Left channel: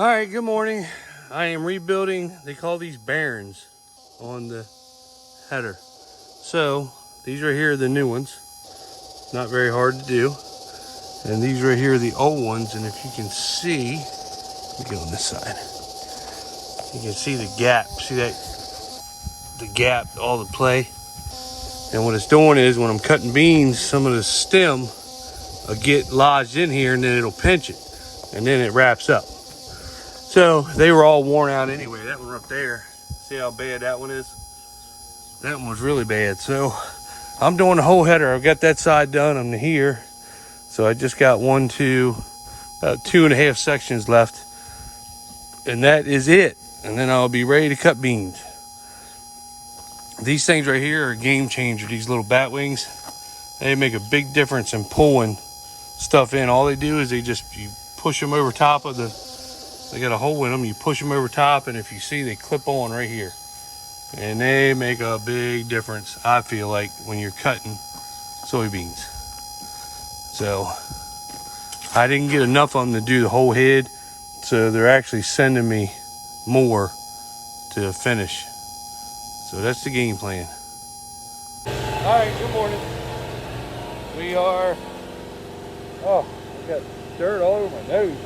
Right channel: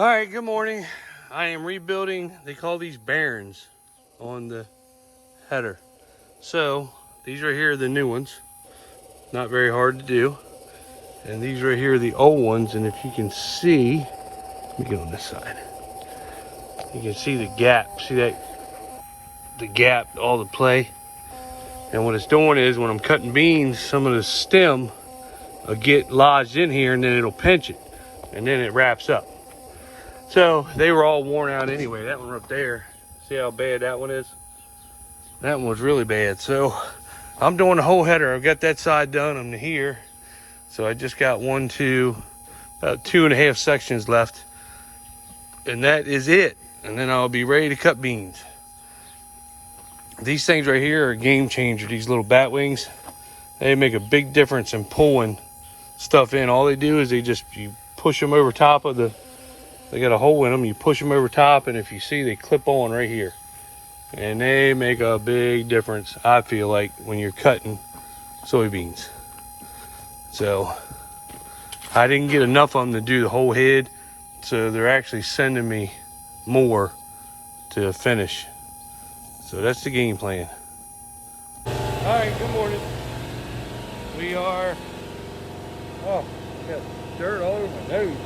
All right, good morning. I am rebuilding, they call these bearings on the header. So these right here are the new ones. Not very hard to do. And these right here are the old ones. And if you can see, let me get on this side. You can see the gap. See that? The gap, all the play. And what it's doing is when I'm cutting beans, some of the stem will get lodged in here and then it'll pinch it. And then it wraps up. So they were all worn out anyway. That one up there, see how bad that one is? That one was really bad. So I'm doing the whole header. I've got that side done. I'm here. So I just got about 2.5 sections left. And that is it. And then I'll be ready to cut beans. These things right here are a game changer. These little bat wings, they make a big difference in pulling stuff in. All they do is you push them over top of they got a hole in them. You push them over top, and if you see, they clip on right here. And they make a big difference, I feel like, when you're cutting soybeans. So I didn't get enough of them to do the whole head, so they're actually sending me more to finish. So that's the game plan. All right, good morning. We are, I got dirt all over my nose.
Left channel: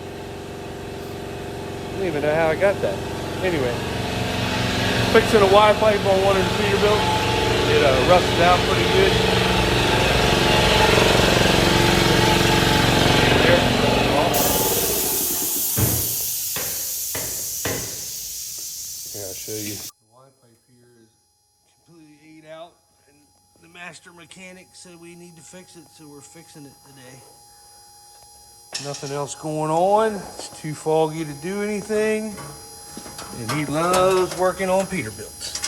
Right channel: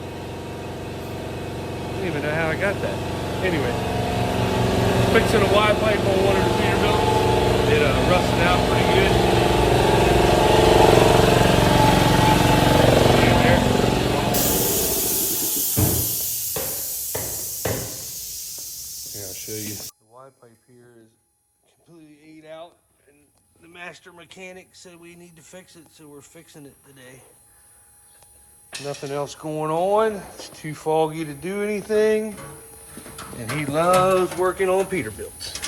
I don't even know how I got that. Anyway, fixing a Y pipe on one of the Peterbilt. It rusted out pretty good. Here, I'll show you. The Y pipe here is completely ate out, and the master mechanic said we need to fix it, so we're fixing it today. Nothing else going on. It's too foggy to do anything. And he loves working on Peterbilts.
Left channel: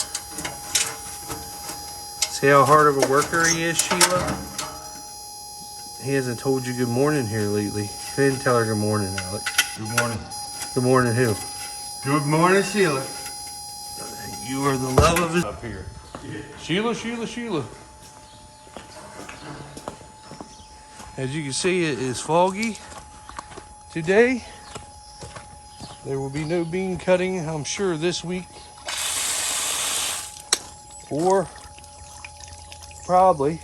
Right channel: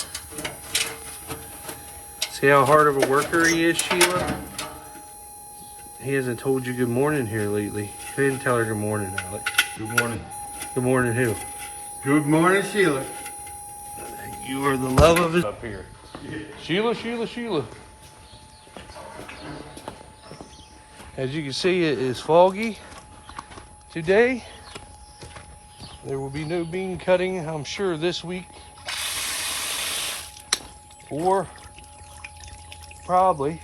See how hard of a worker he is, Sheila? He hasn't told you good morning here lately. Go ahead and tell her good morning, Alex. Good morning. Good morning who? Good morning, Sheila. You are the love of his up here. Sheila, Sheila, Sheila. As you can see, it is foggy today. There will be no bean cutting, I'm sure, this week. Or probably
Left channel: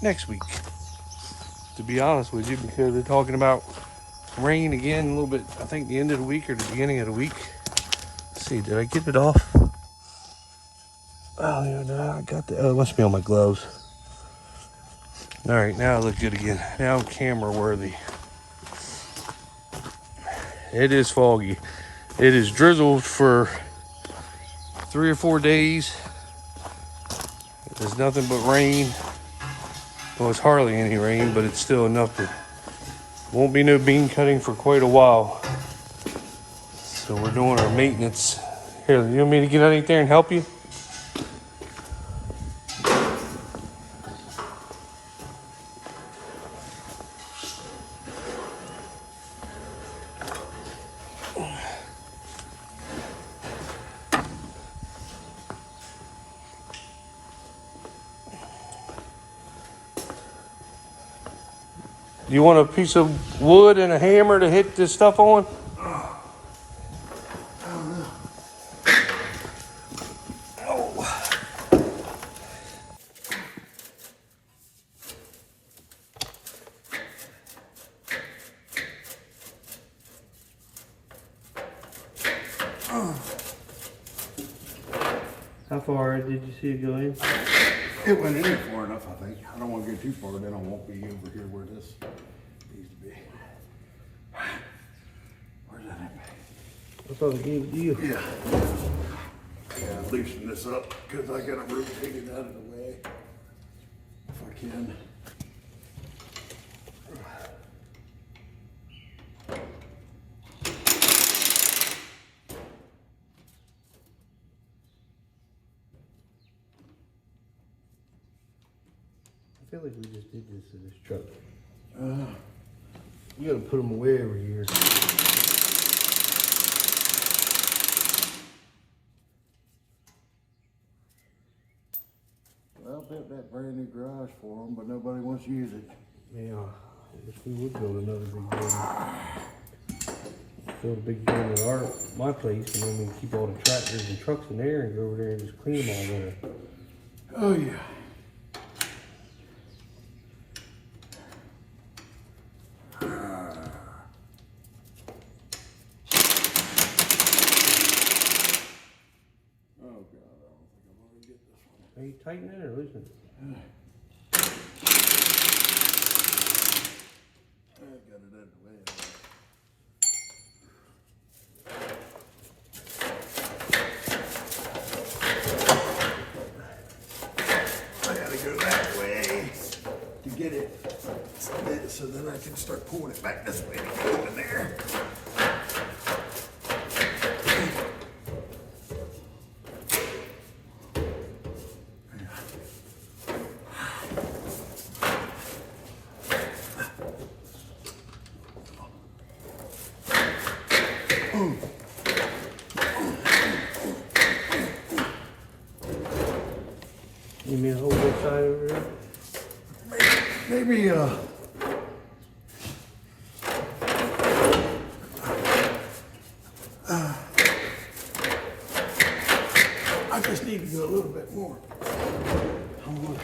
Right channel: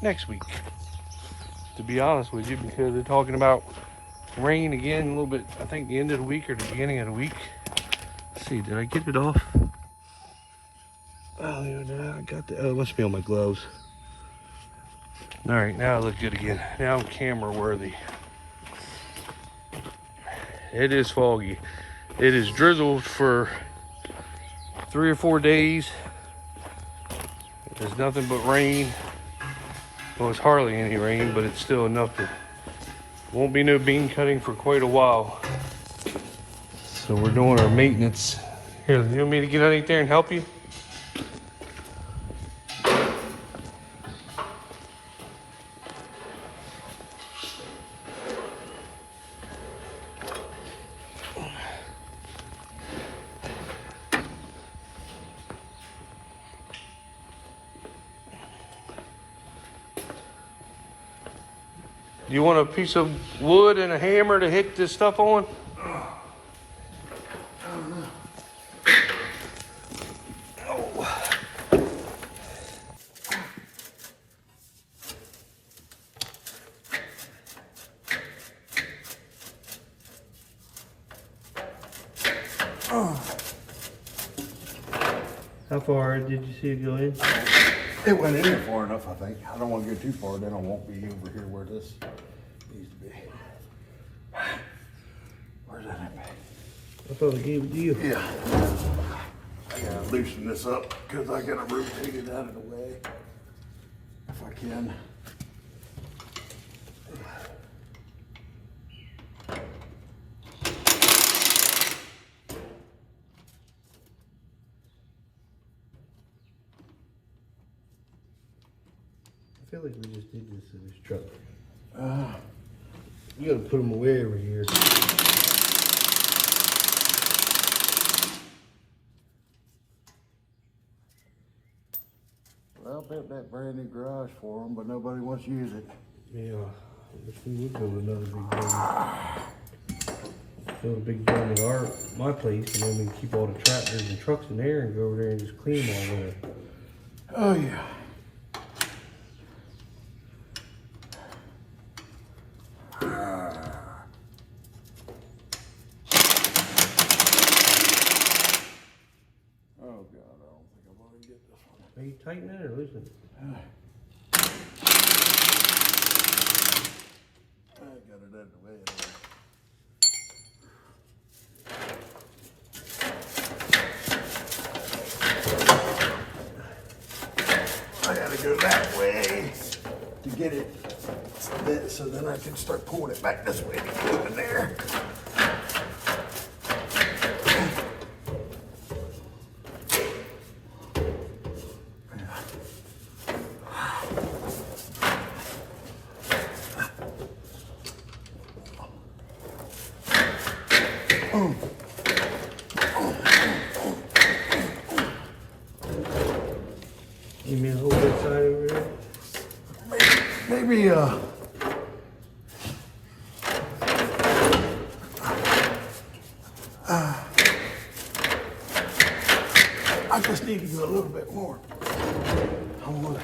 next week, to be honest with you, because they're talking about rain again a little bit, I think the end of the week or the beginning of the week. Let's see, did I get it off? Oh, yeah, no, I got it must be on my gloves. All right, now I look good again. Now I'm camera worthy. It is foggy. It is drizzled for 3 or 4 days. There's nothing but rain. Well, it's hardly any rain, but it's still enough to... Won't be no bean cutting for quite a while. So we're doing our maintenance. Here, you want me to get underneath there and help you? You want a piece of wood and a hammer to hit this stuff on? Oh. How far did you see it go in? It went in there far enough, I think. I don't want to go too far, then I won't be over here where this needs to be. Where's that at? I thought I gave it to you. Yeah. I gotta loosen this up because I gotta rotate it out of the way. If I can. I feel like we just did this in this truck. We gotta put them away over here. Well, I built that brand new garage for them, but nobody wants to use it. Yeah, I wish we would build another big building. build a big dome at my place, and then we can keep all the tractors and trucks in there and go over there and just clean them all winter. Oh yeah. Oh God, I don't think I'm gonna get this one. Are you tightening it or loosening it? I got it out of the way. I gotta go that way to get it so then I can start pulling it back this way. Put it in there. You mean hold that side over there? Maybe I just need to go a little bit more. I'm gonna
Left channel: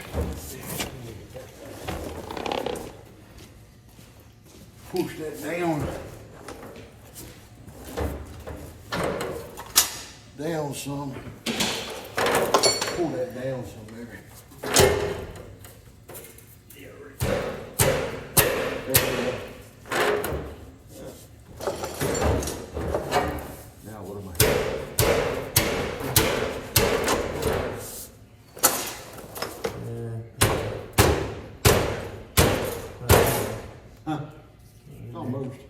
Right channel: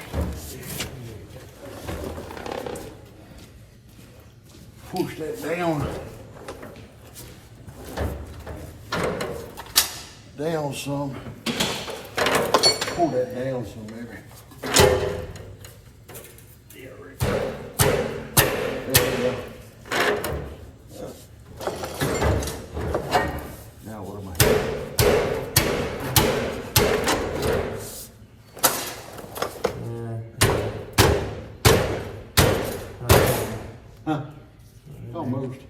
push that down some. Pull that down some, maybe. Yeah, right there. There we go. Now what am I? Huh? Almost.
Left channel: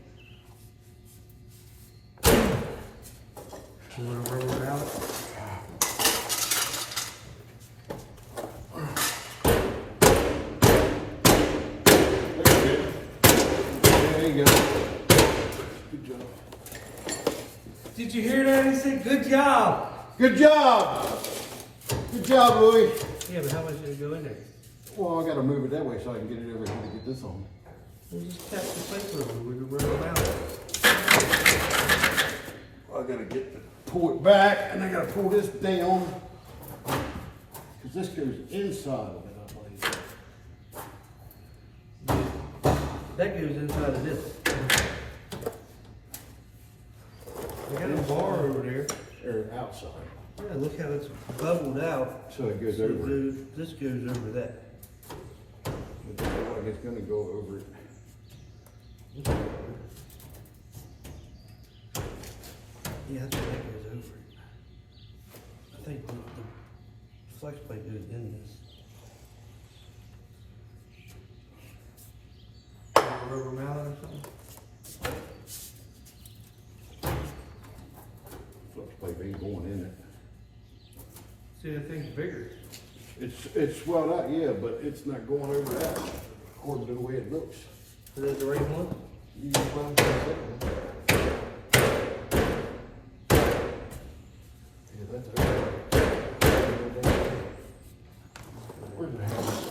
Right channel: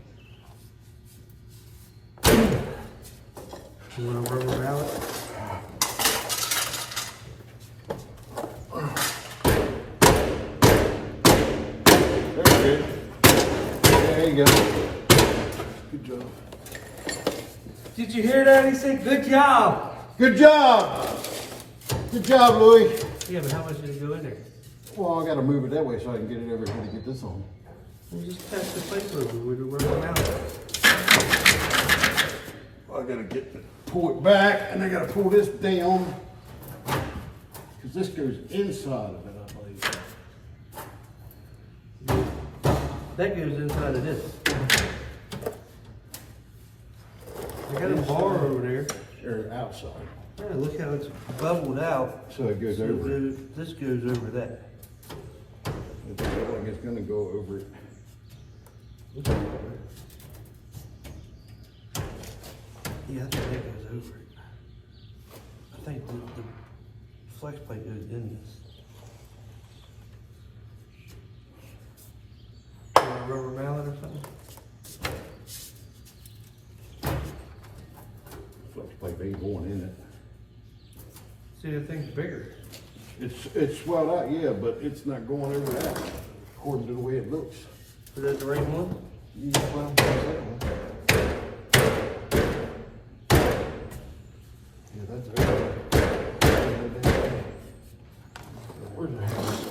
You want to rubber mallet? There you go. Good job. Did you hear that? He said, good job. Good job. Good job, Louis. Yeah, but how much did it go in there? Well, I got to move it that way so I can get it over here to get this on. Well, just test the plate over with the rubber mallet. I got to pull it back, and I got to pull this down because this goes inside of it, I believe. That goes inside of this. I got a bar over there. Or outside. Yeah, look how it's bubbled out. So it goes over it. This goes over that. It doesn't look like it's going to go over it. Yeah, I think that goes over it. I think the flex plate goes in this. A rubber mallet or something? Flex plate ain't going in it. See, that thing's bigger. It's swelled out, yeah, but it's not going over that according to the way it looks. Is that the right one? Well, yeah, that's over. Where's the house?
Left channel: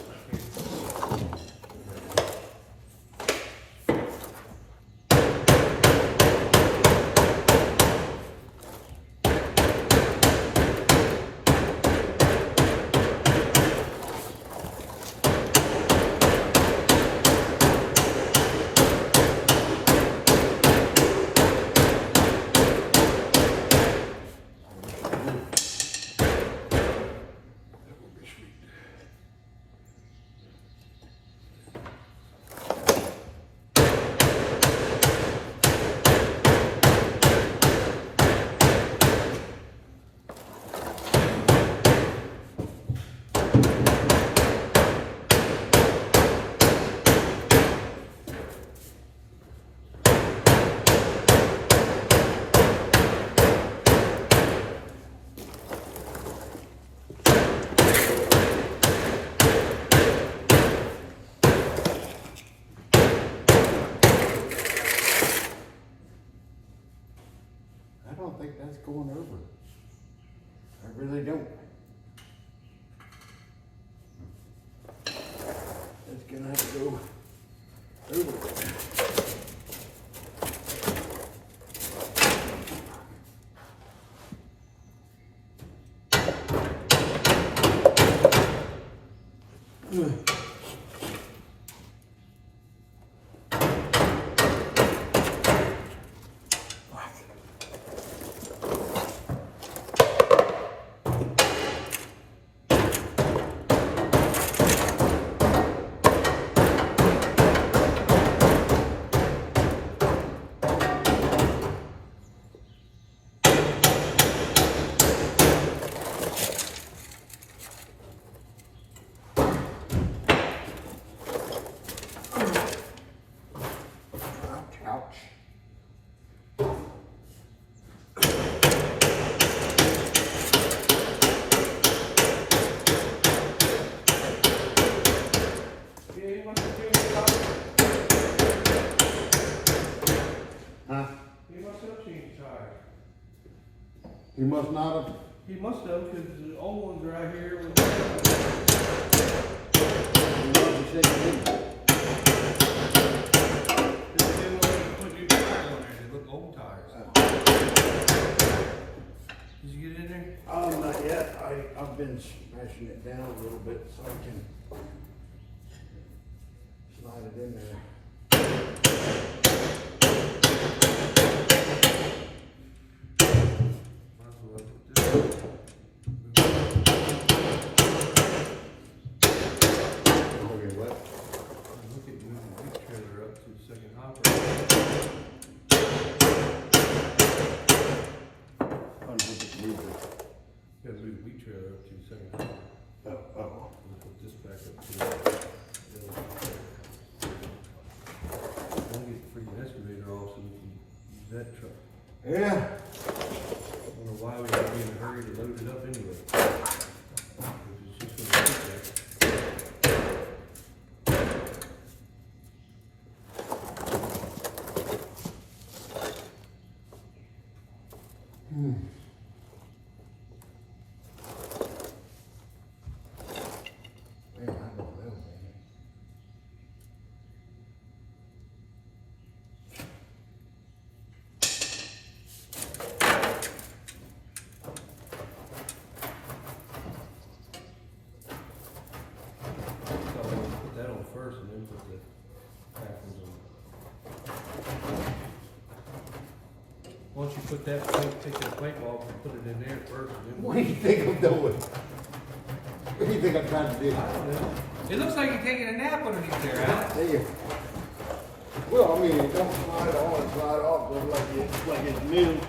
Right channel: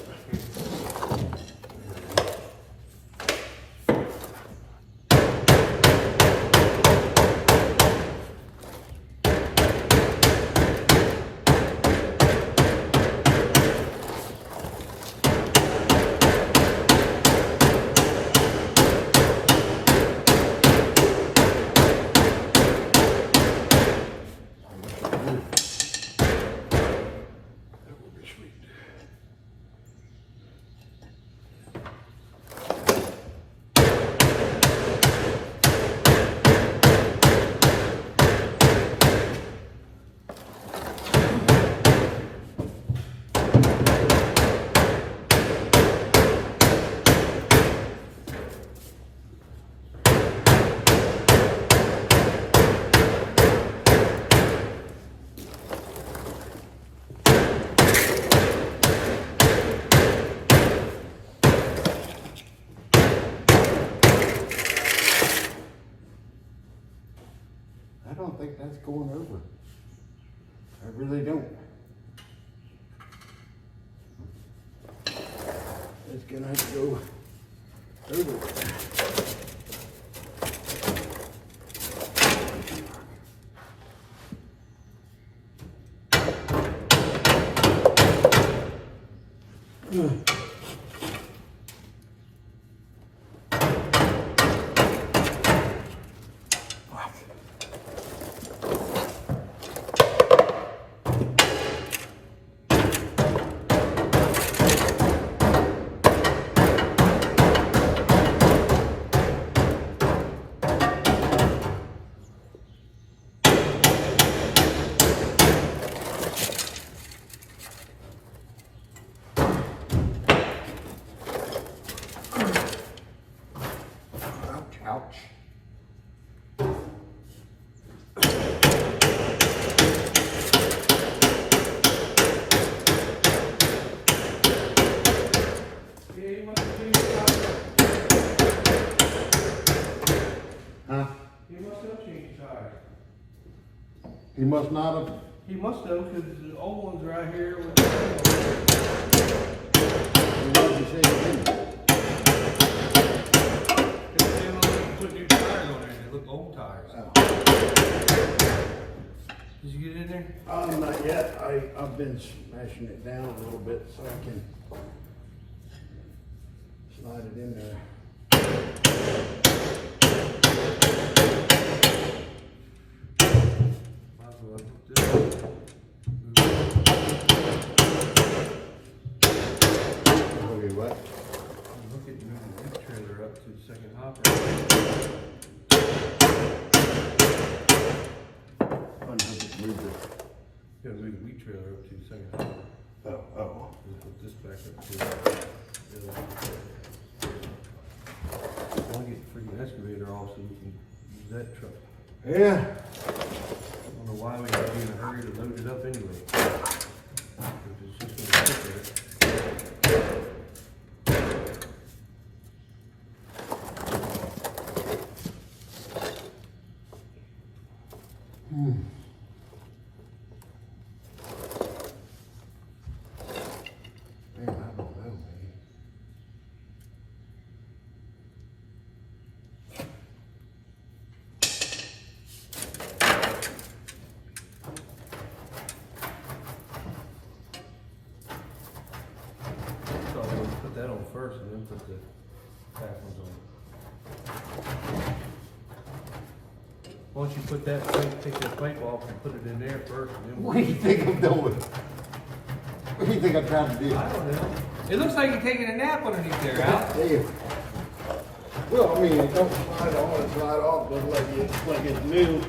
I don't think that's going over. I really don't. It's gonna have to go over. tires. He must not have. He must have, because the old ones right here with What did you say he didn't? they put new tires on there. They look old tires. Did you get it in there? Not yet. I've been smashing it down a little bit so I can slide it in there. Might as well put this. Okay, what? Look at moving the trailer up to the second hopper. Unhook it, move it. Gotta move the wheat trailer up to the second hopper. Oh. We'll put this back up to I'll get the freaking excavator off so we can use that truck. Yeah. I don't know why we had to be in a hurry to load it up anyway. 'Cause it's just gonna sit there. Man, I don't know, man. So we'll put that on first and then put the back ones on. Once you put that plate, take that plate off and put it in there first and then. What do you think I'm doing? What do you think I'm trying to do? I don't know. It looks like you're taking a nap underneath there, Al. Hey. Well, I mean, it don't slide on and slide off just like it's new.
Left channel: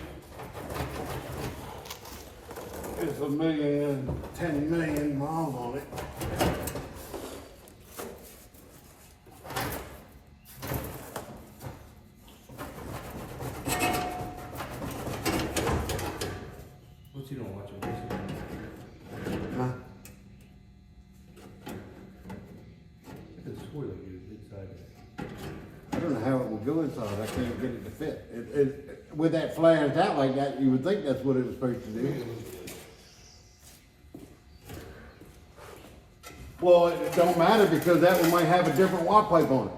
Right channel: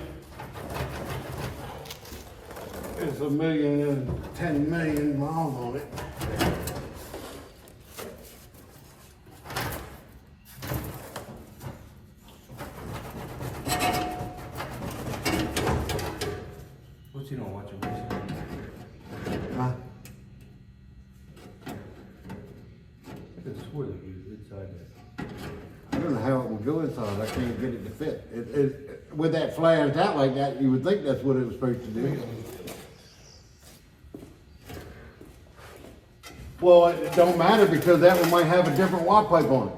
It's 1,010 million miles on it. What you don't watch it recently? Huh? I could have swore that you was inside there. I don't know how it will go inside. I can't get it to fit. With that flares out like that, you would think that's what it was supposed to do. Well, it don't matter because that one might have a different watt pipe on it.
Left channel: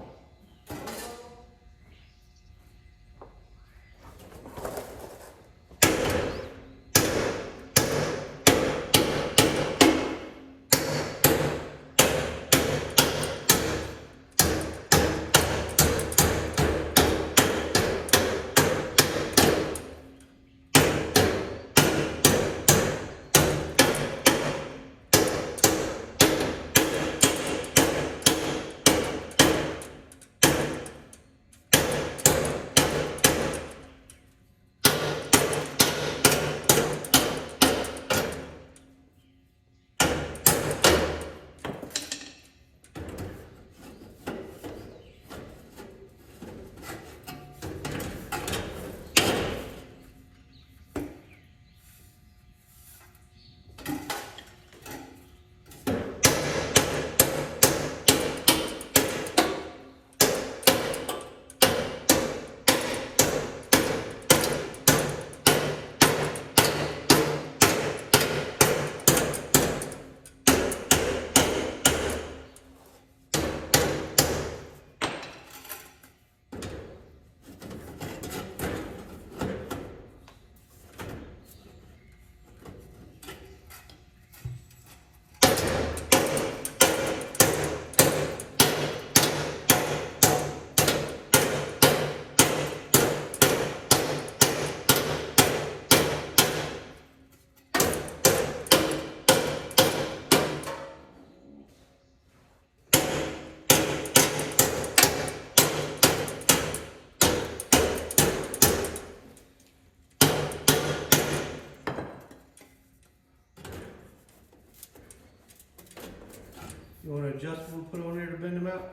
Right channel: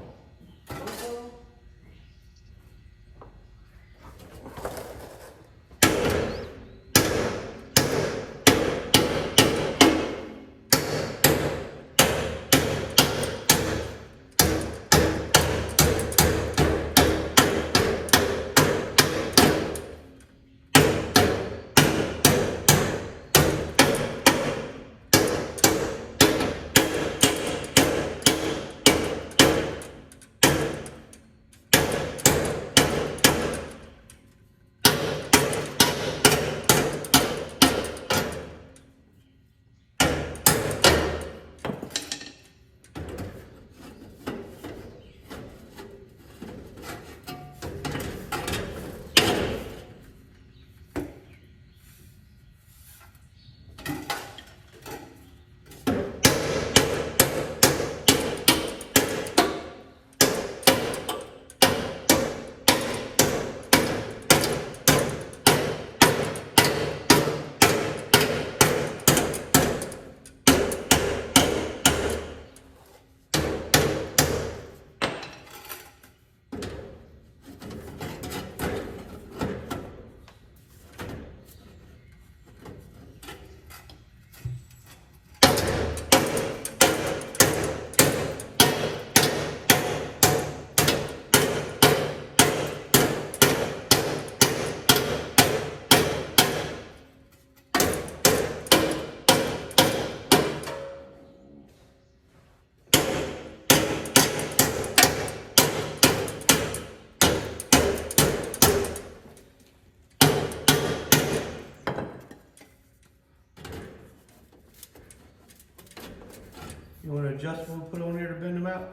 You want an adjustable to put on there to bend them out?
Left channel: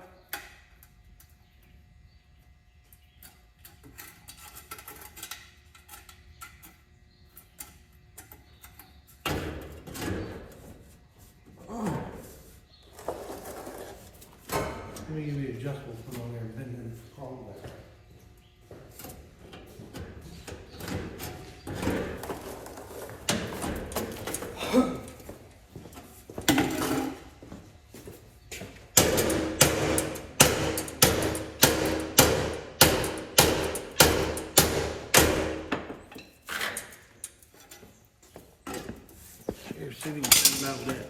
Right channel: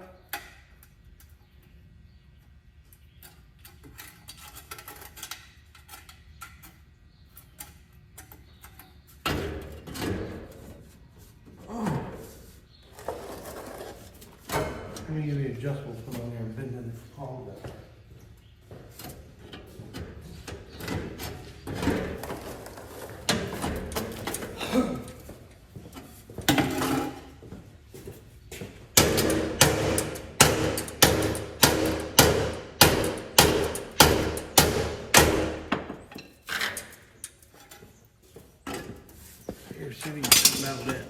Let me give you an adjustable to put on there and bend them all back. see if you can tighten that with that.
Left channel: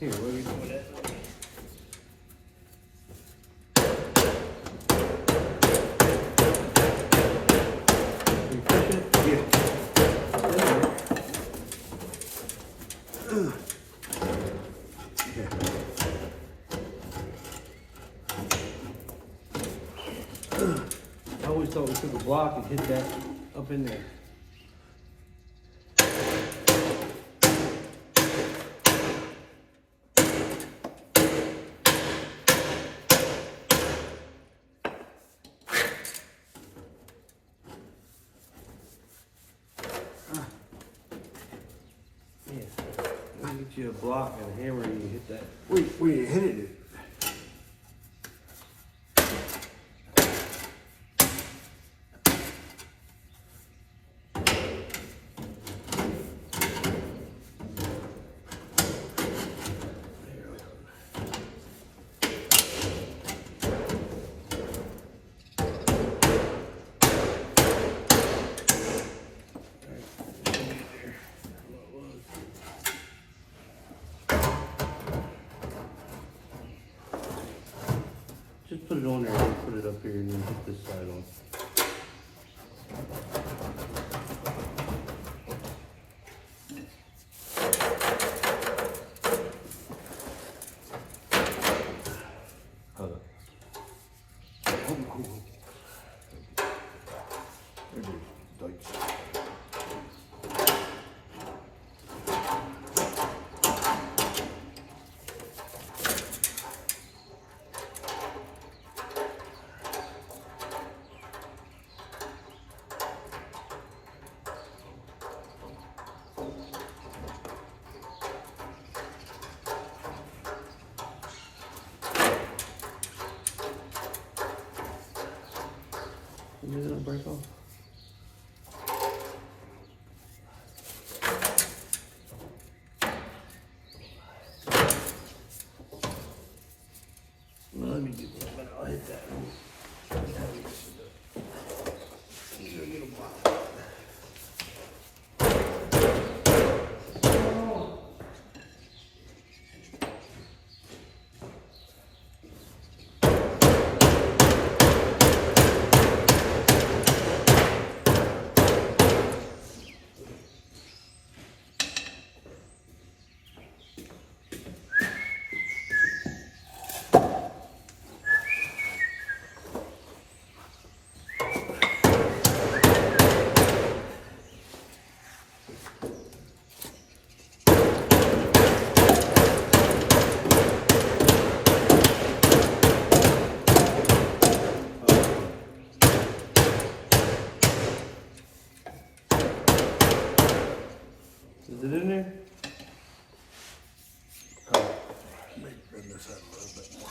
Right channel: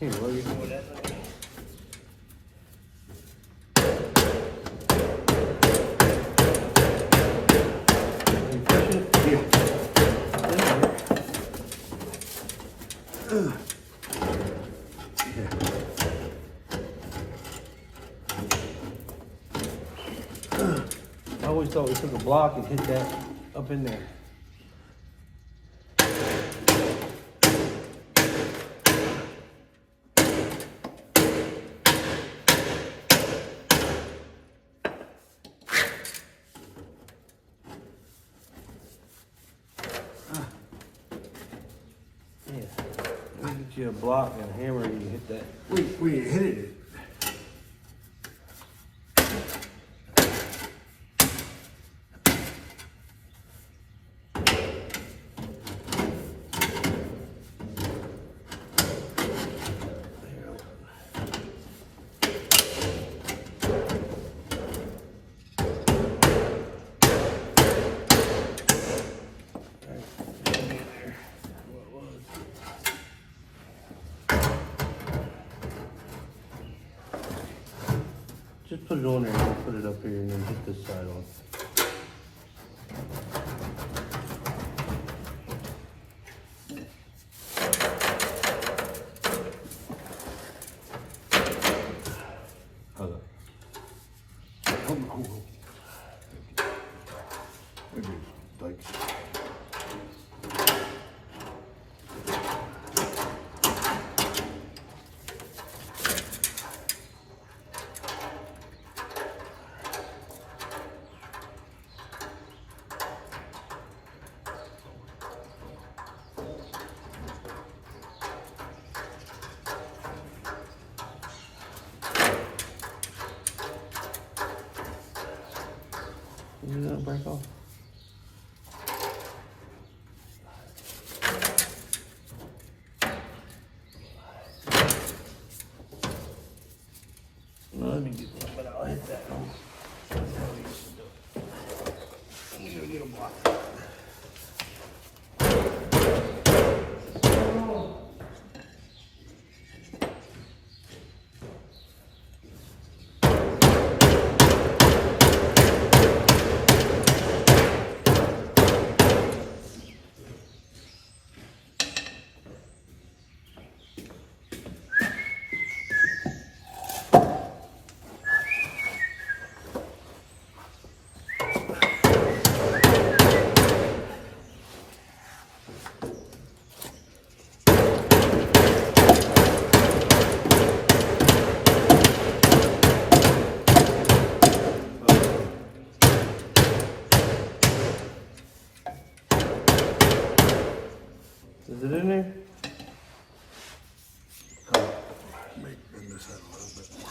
Here, what are you doing with that? I always thought we took a block and hit that up in there. Get you a block and a hammer and you hit that. We hit it. Just put it on there and put it up here and then hit this side on. Hold on. Maybe like. You know, break off. Let me get one, but I'll hit that one. That's how we used to do it. I'm gonna get a block. Is it in there? Bend this out a little bit more.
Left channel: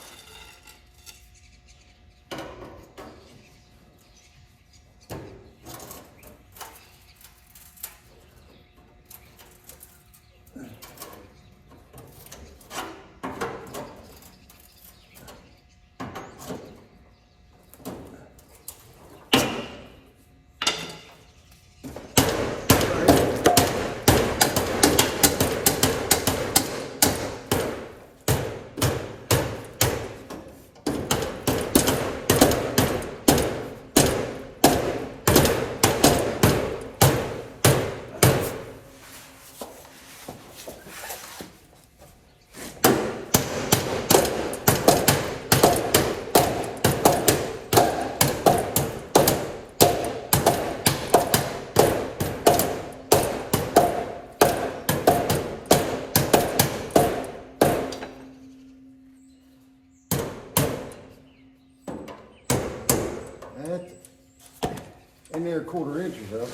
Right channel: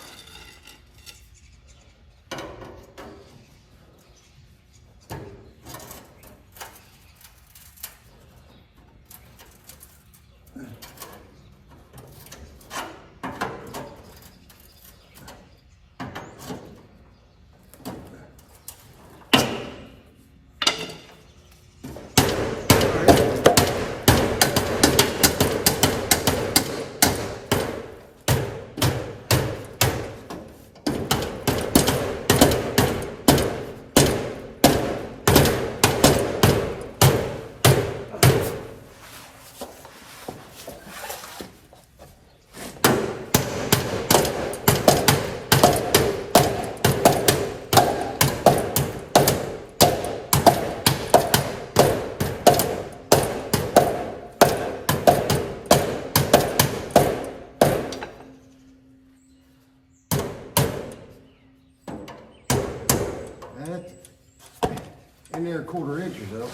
in there 1/4 inch or so.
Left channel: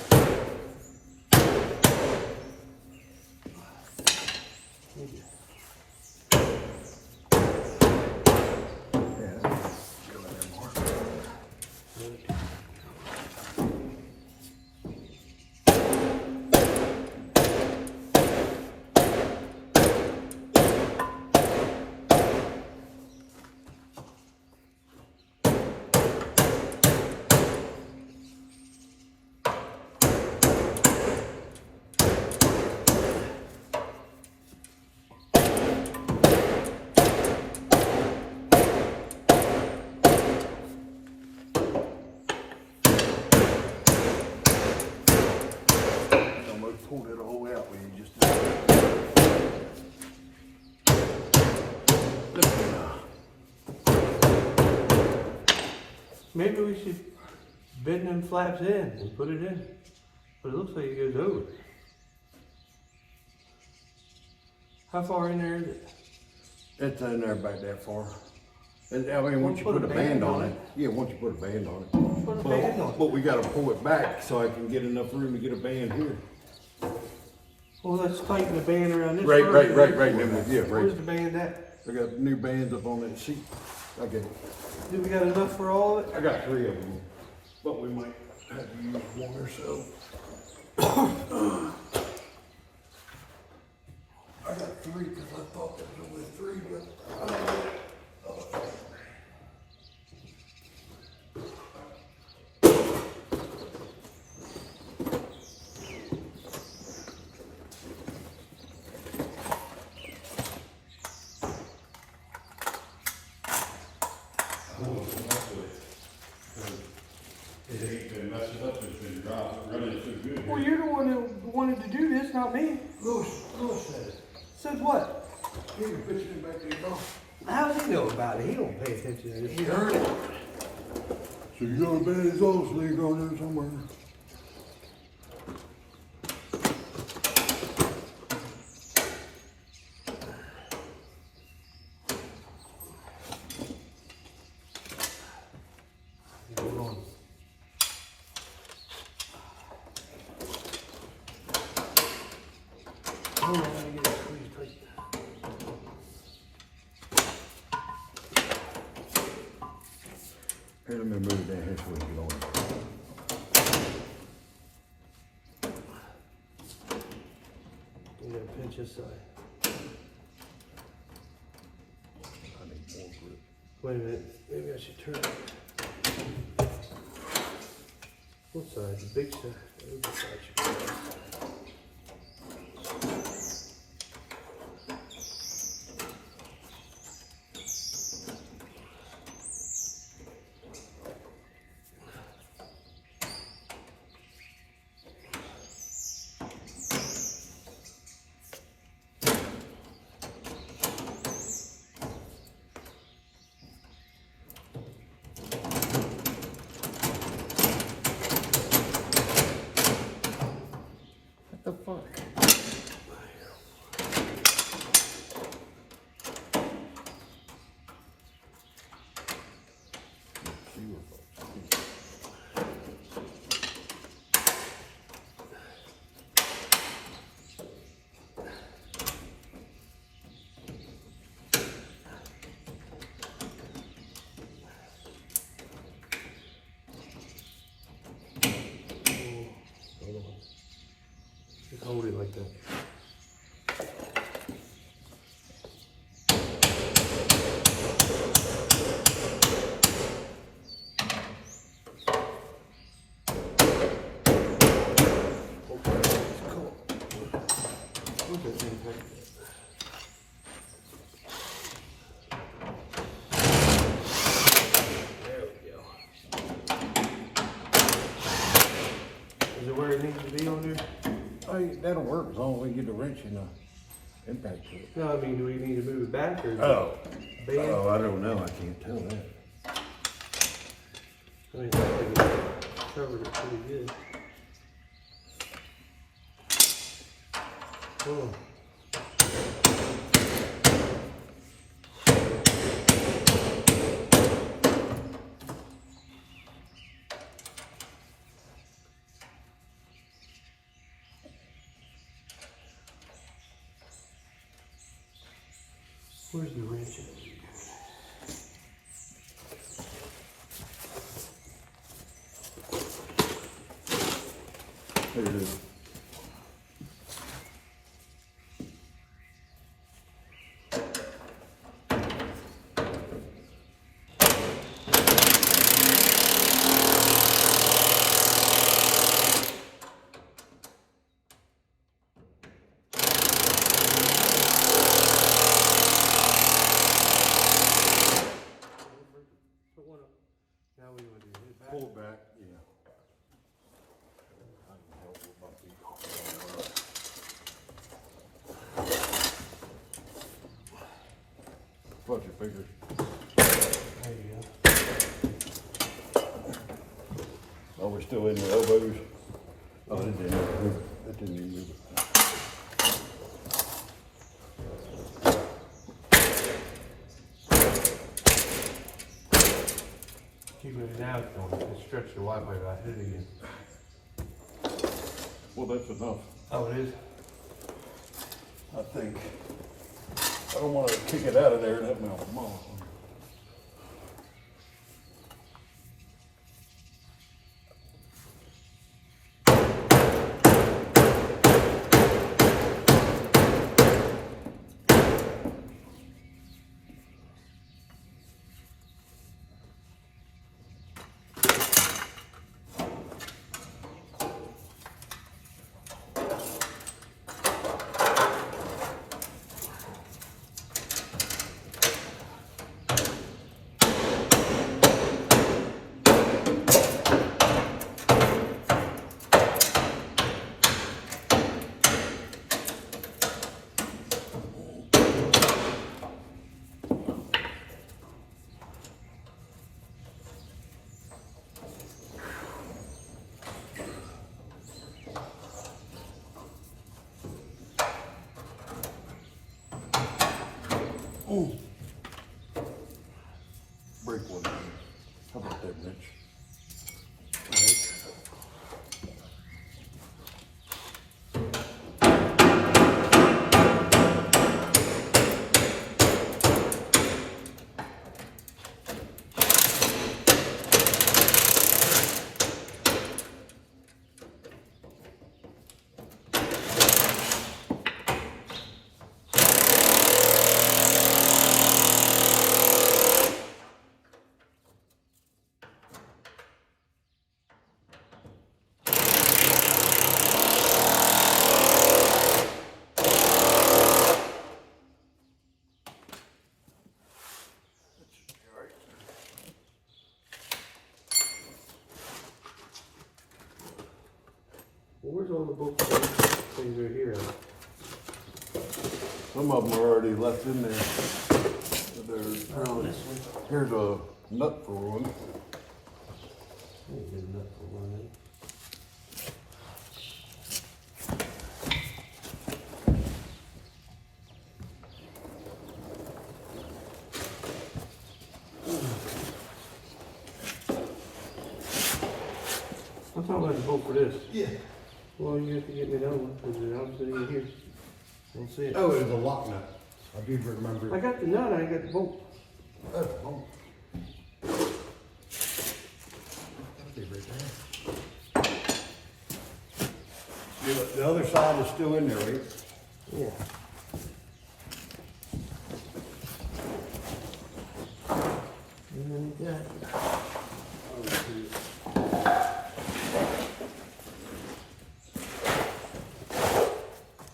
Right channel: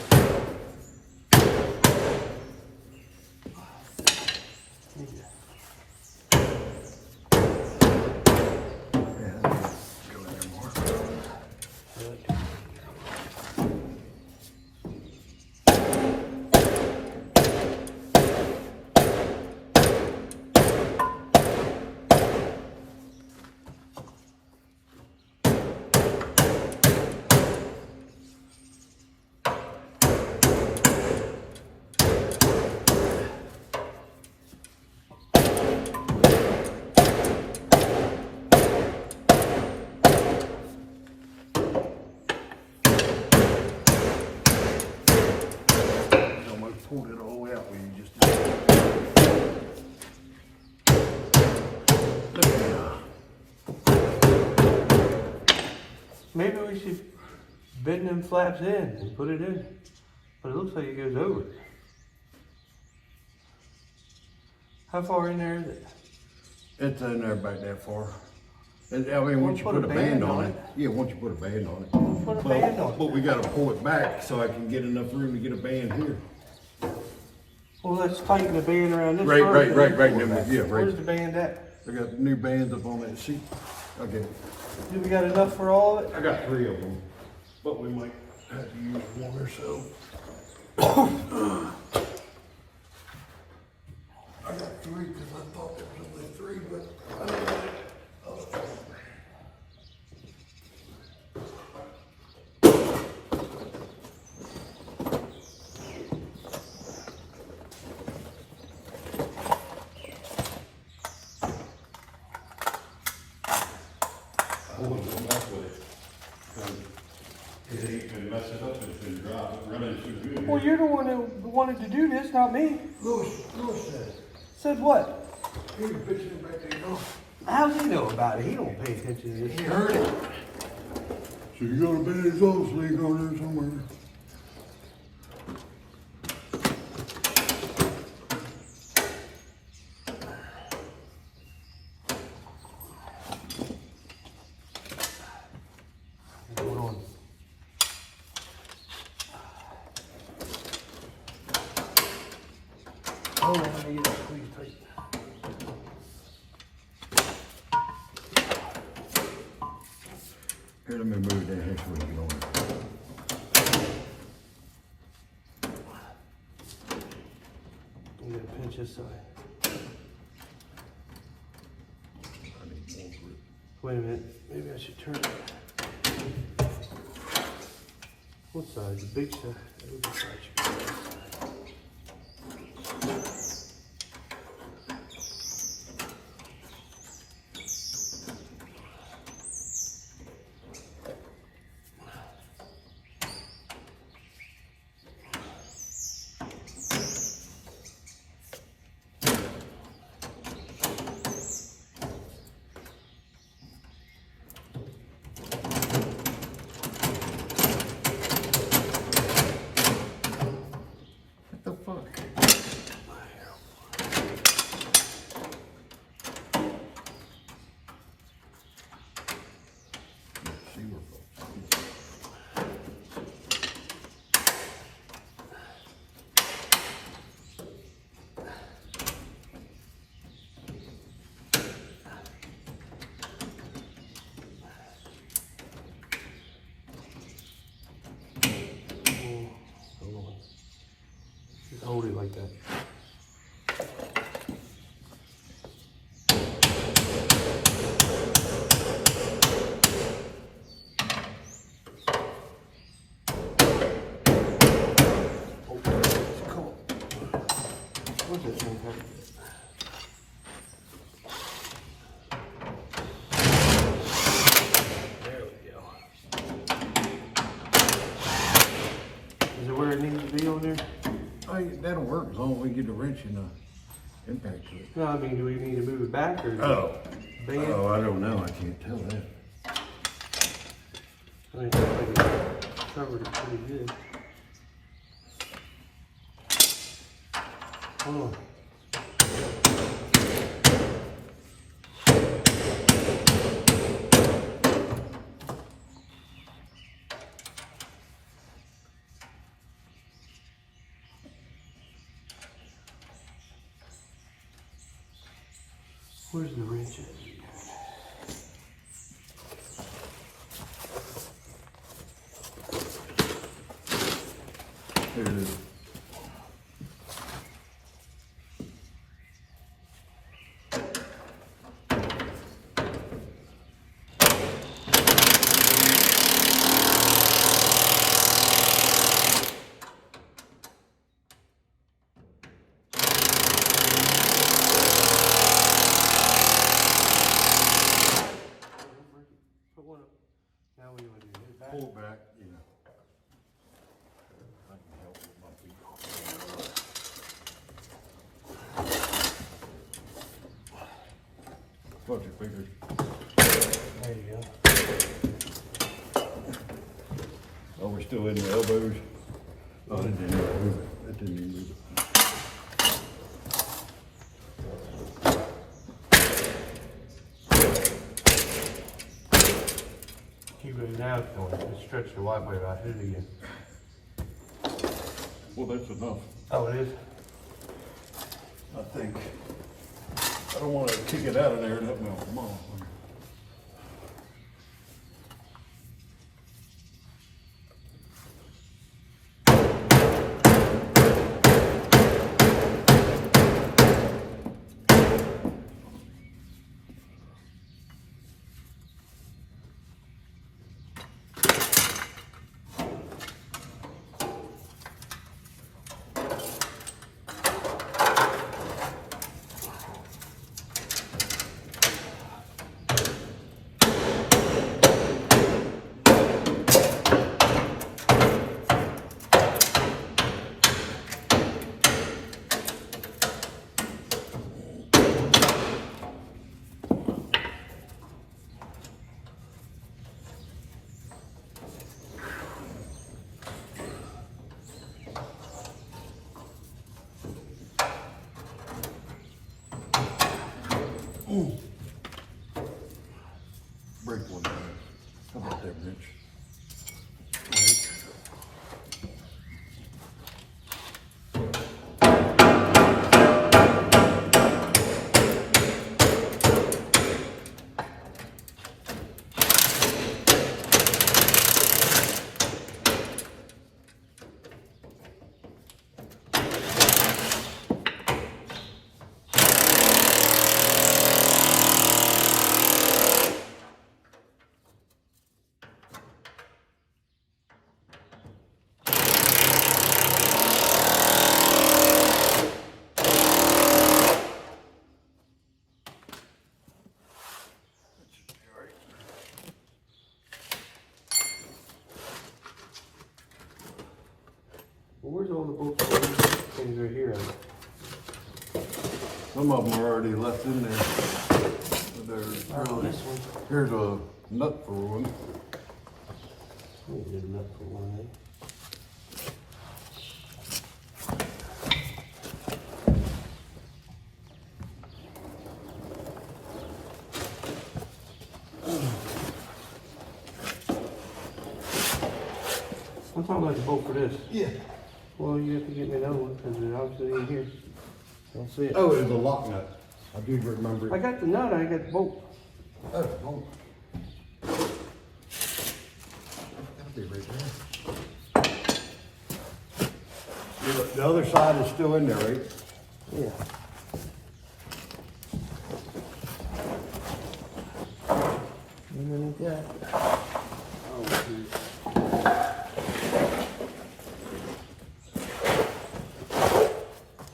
Go in there more. Pulled it all the way out when you just did it. Maybe we should bend them flaps in and put it in. But it looks like it goes over it. How far in there is it? It's in there about that far. And, I mean, once you put a band on it. Yeah, once you put a band on it. Put a band on it. But we gotta pull it back so I can get enough room to get a band here. Well, let's tighten the band around this. Right. first. Yeah, right. Where's the band at? I got new bands up on that seat. I'll get it. Do we got enough for all of it? I got 3 of them, but we might have to use 1 or so. I got 3 because I thought there was only 3, but I don't know. Well, you're the one who wanted to do this, not me. Lewis said it. Said what? He was bitching back there, dog. How does he know about it? He don't pay attention to this. He heard it. So you got a band his old sleeve on there somewhere. Hold on. Hold on, let me get it squeezed tight. Here, let me move it down here so we can get on it. I'm gonna pinch this side. I need more grip. Wait a minute, maybe I should turn it. What side? The big side? The other side should be the right side. What the fuck? See where Hold on. Just hold it like that. Where's that thing? There we go. Is it where it needs to be on there? that'll work as long as we get the wrench and the impact to it. No, I mean, do we need to move it back or? Band? Oh, I don't know. I can't tell that. I mean, it looks like it covered it pretty good. Hold on. Where's the wrench at? There it is. Put one up. Now what do you want to do? Hit it back? Pull it back, yeah. I can help with my feet. Watch your fingers. There you go. Are we still in the elbows? Oh, it didn't move it. It didn't even move it. Keep it now going. Just stretch the white way right here again. Well, that's enough, Oh, it is? I think. I don't want to kick it out of there and have my mom. Ooh. Break one. How about that, Rich? Well, where's all the bolts things right here? Some of them are already left in there. But there's This one. here's a nut for one. There's a nut for one, eh? I'm talking about the bolt for this. Yeah. Well, you have to get me another one because it's obviously in here. I don't see it. Oh, it's a lock nut. I do remember. I got the nut, I got the bolt. Oh, oh. That'll be right there. The other side is still in there, right? Yeah. Yeah. Oh, shoot.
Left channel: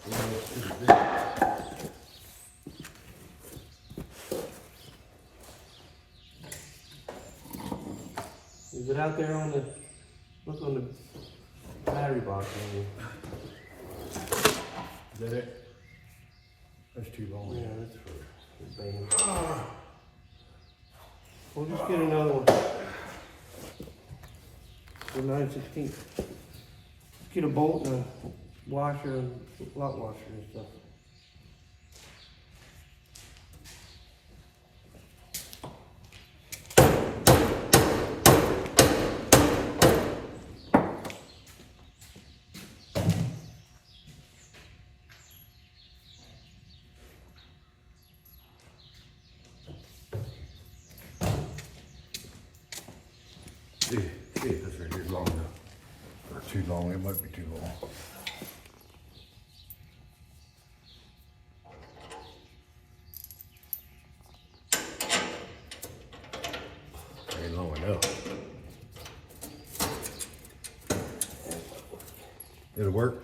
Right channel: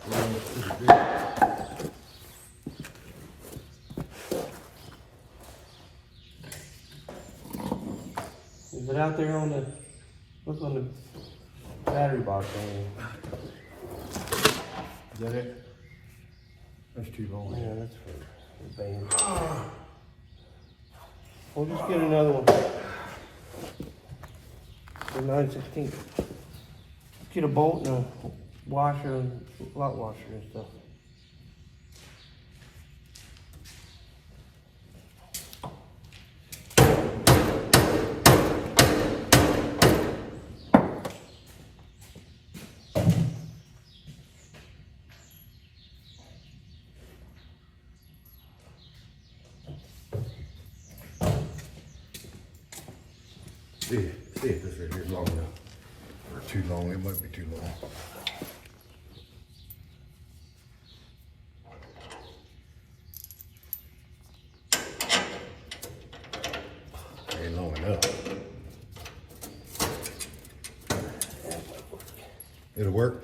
Well, it's pretty big. Is it out there on the, look on the battery box? Is that it? That's too long. Yeah, that's for the band. We'll just get another one. For 9/16. Get a bolt and a washer and lot washer and stuff. See if this right here is long enough. Or too long, it might be too long. Ain't long enough. It'll work.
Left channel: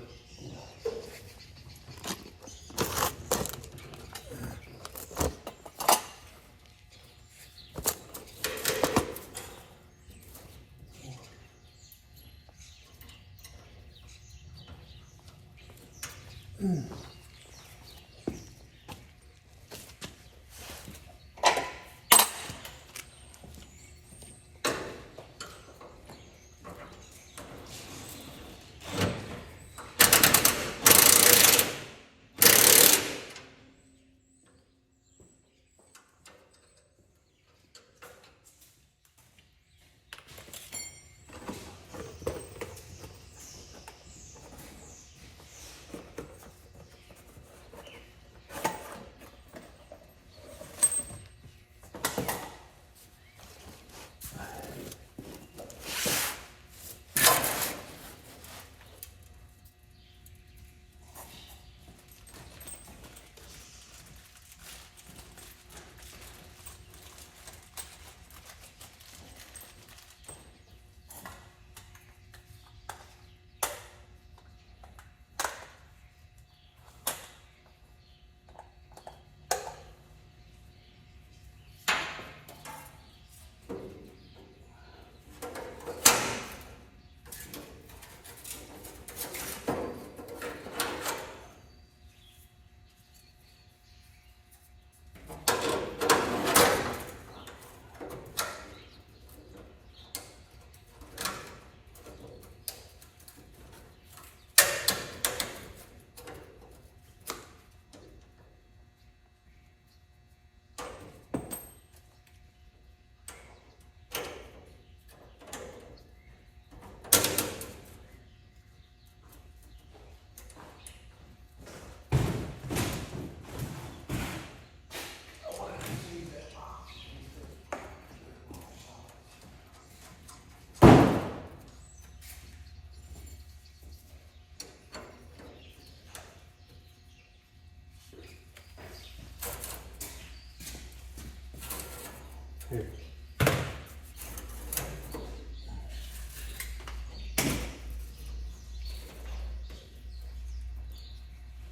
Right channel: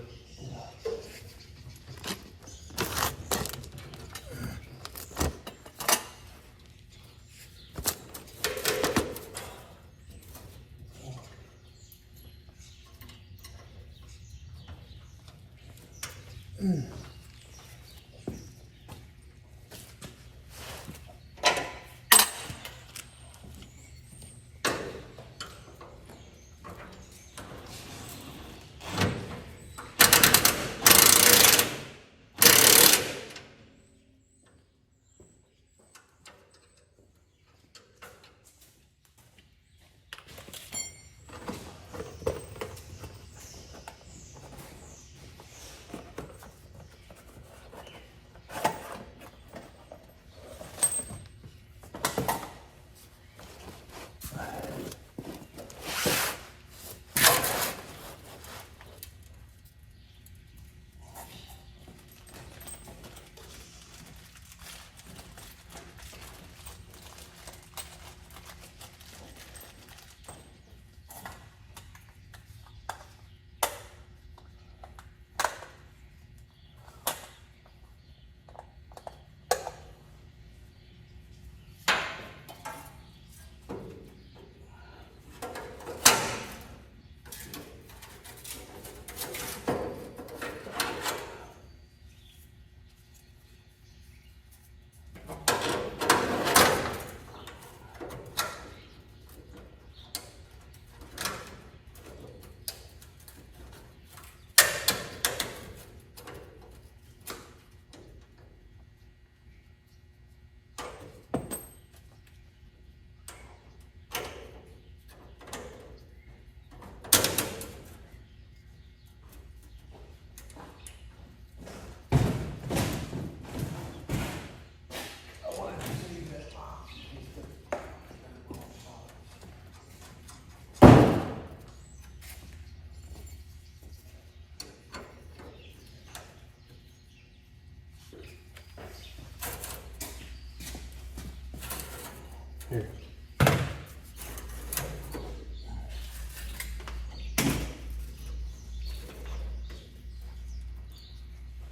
Here.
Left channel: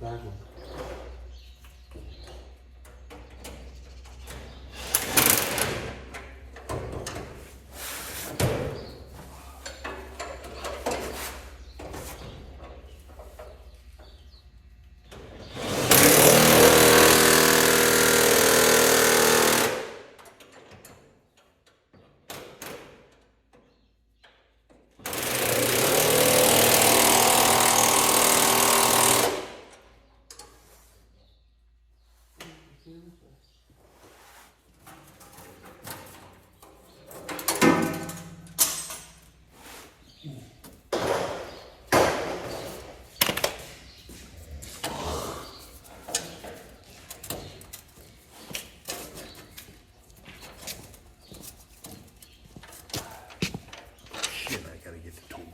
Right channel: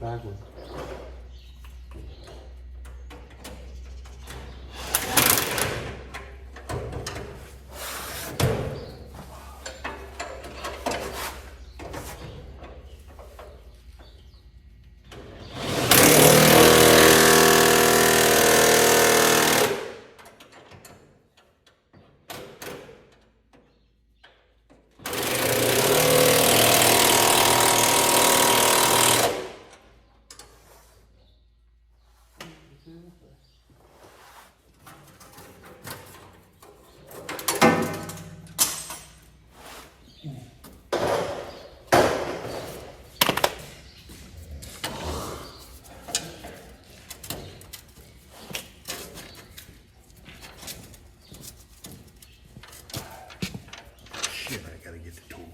Back one. Shit, I gotta get the tool.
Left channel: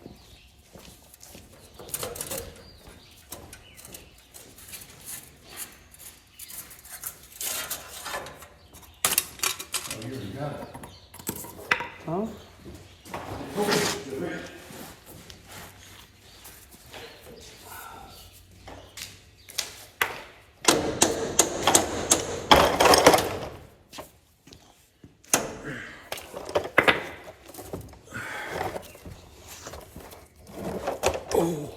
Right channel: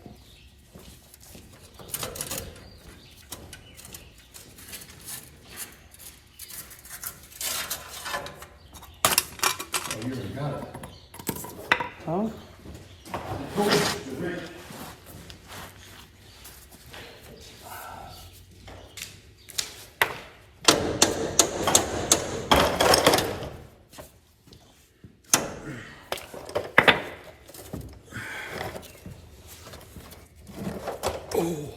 Oh, you already got it. Huh? Oh.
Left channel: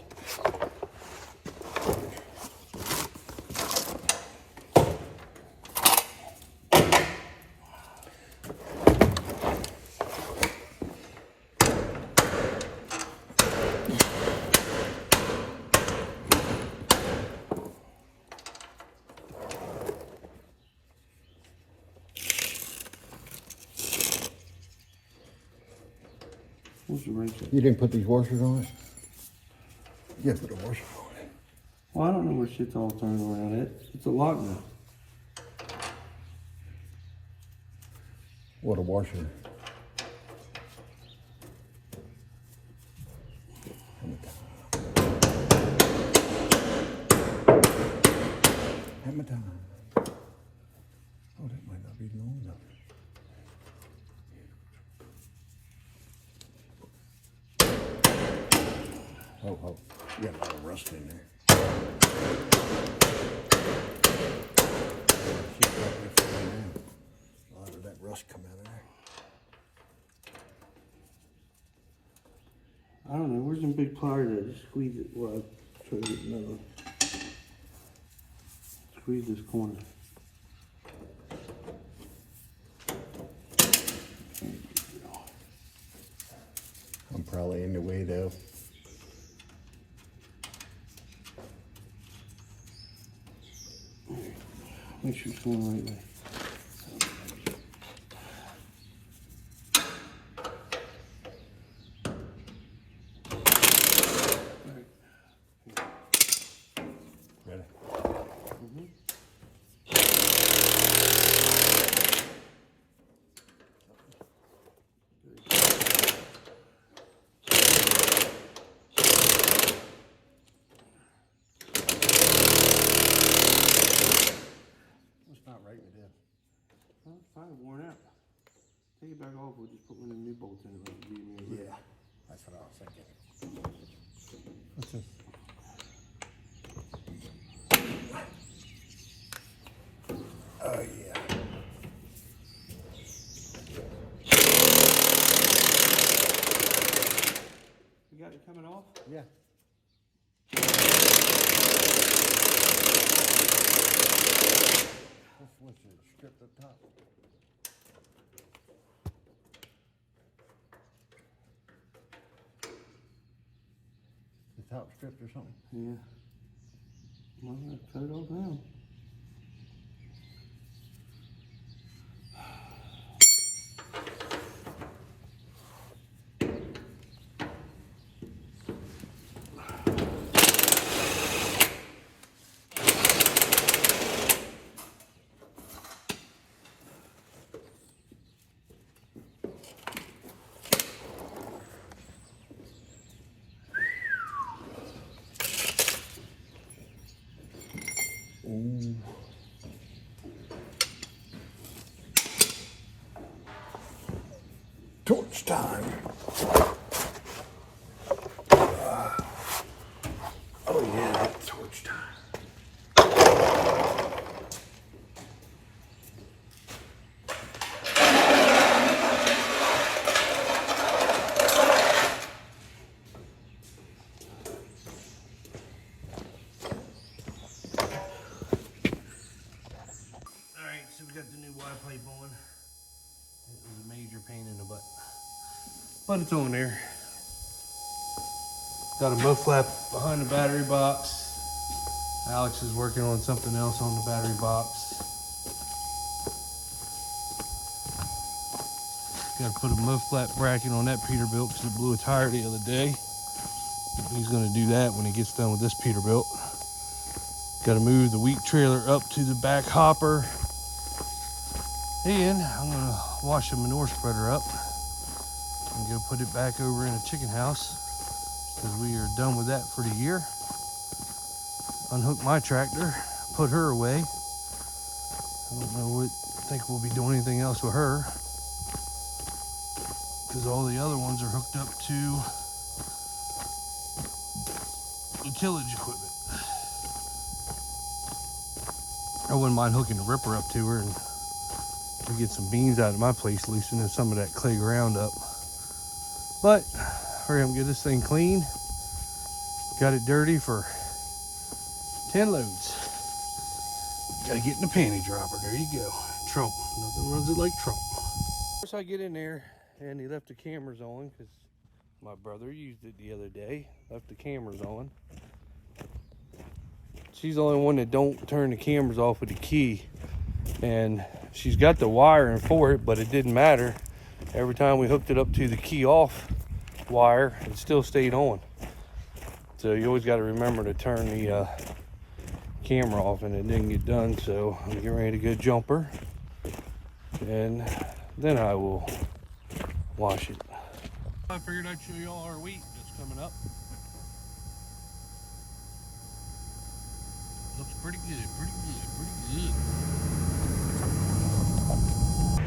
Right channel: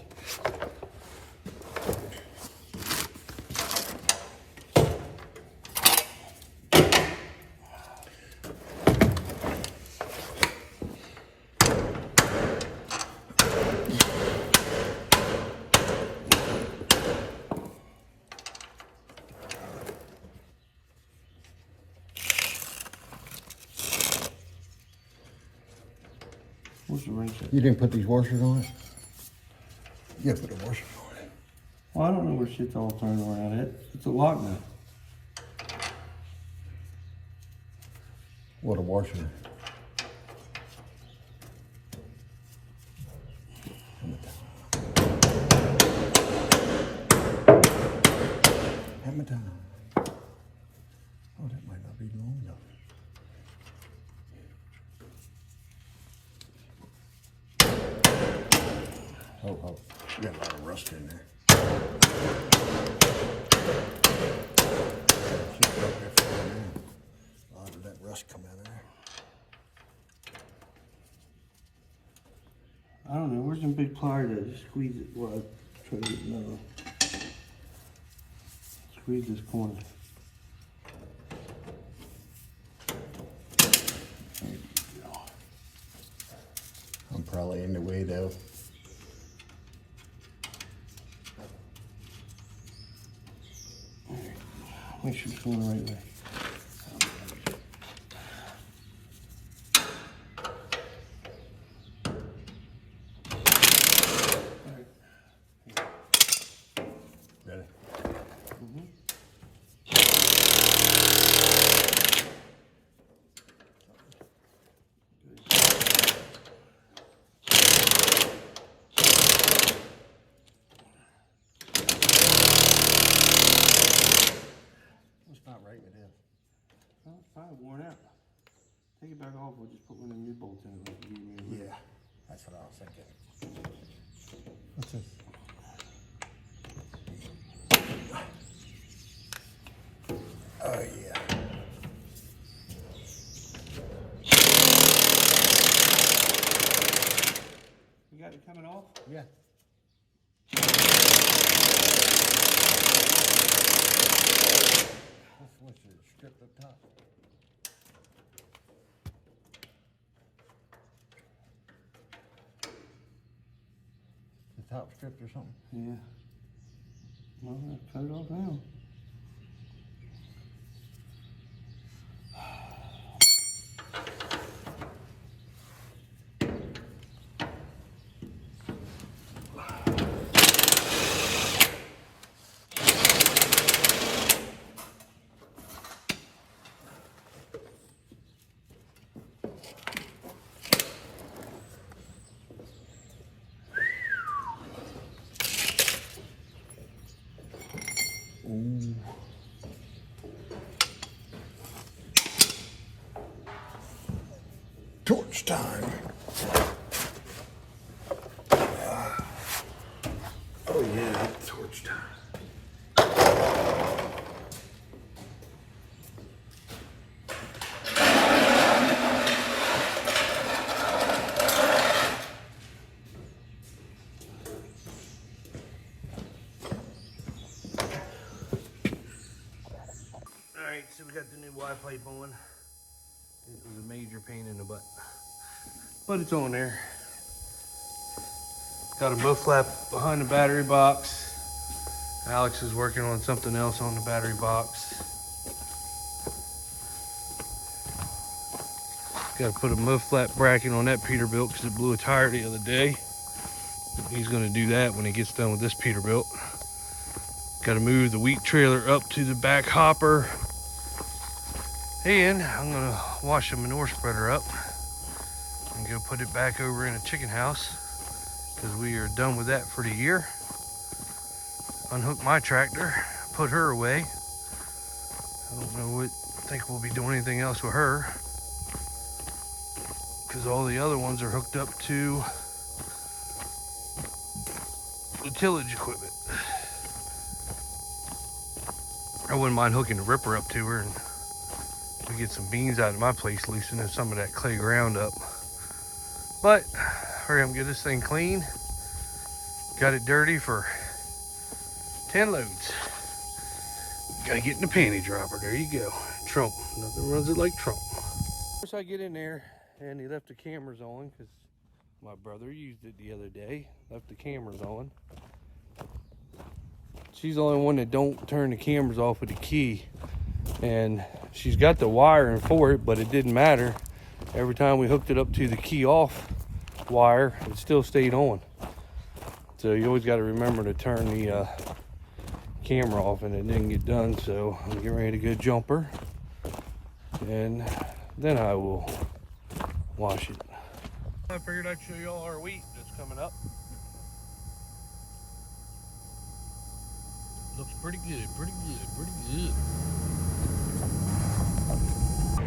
Where's the wrench at? You didn't put these washers on it? You gotta put a washer on it. Well, I don't know where shit's all turned around at. It's a lock now. What a washer. time. Oh, that might not be long enough. Oh, you got a lot of rust in there. Keep it up there for right now. A lot of that rust come out of there. I don't know, where's some big pliers at? Just squeeze it while I try to get another. Squeeze this corner. There you go. I'm probably in the way though. Make sure it's going the right way. Ready? It's not right with this. Well, it's probably worn out. Take it back off, we'll just put one of the new bolts in it like you gave me. Yeah, that's what I was thinking. What's this? Oh yeah. You got it coming off? Yeah. What's your strip up top? The top stripped or something? Yeah. Well, let's put it all down. Ooh. Torch time. Oh yeah, torch time. Alright, so we got the new Y pipe on. It was a major pain in the butt. But it's on there. Got a bow flap behind the battery box. Alex is working on something else on the battery box. Got to put a mud flat bracket on that Peterbilt because it blew a tire the other day. He's going to do that when he gets done with this Peterbilt. Got to move the wheat trailer up to the back hopper. And I'm going to wash the manure spreader up and go put it back over in a chicken house because we are done with that for the year. Unhook my tractor, put her away. I don't know what, think we'll be doing anything else with her because all the other ones are hooked up to the tillage equipment. I wouldn't mind hooking the ripper up to her and we get some beans out of my place, loosening some of that clay ground up. But hurry up and get this thing clean. Got it dirty for 10 loads. Gotta get in the panty dropper. There you go. Trump. Nothing runs it like Trump. First I get in there and he left the cameras on because my brother used it the other day. Left the cameras on. She's the only one that don't turn the cameras off with the key. And she's got the wiring for it, but it didn't matter. Every time we hooked it up to the key off wire, it still stayed on. So you always got to remember to turn the camera off, and it didn't get done. So I'm getting ready to go jumper, and then I will wash it. I figured I'd show you all our wheat that's coming up. Looks pretty good, pretty good, pretty good.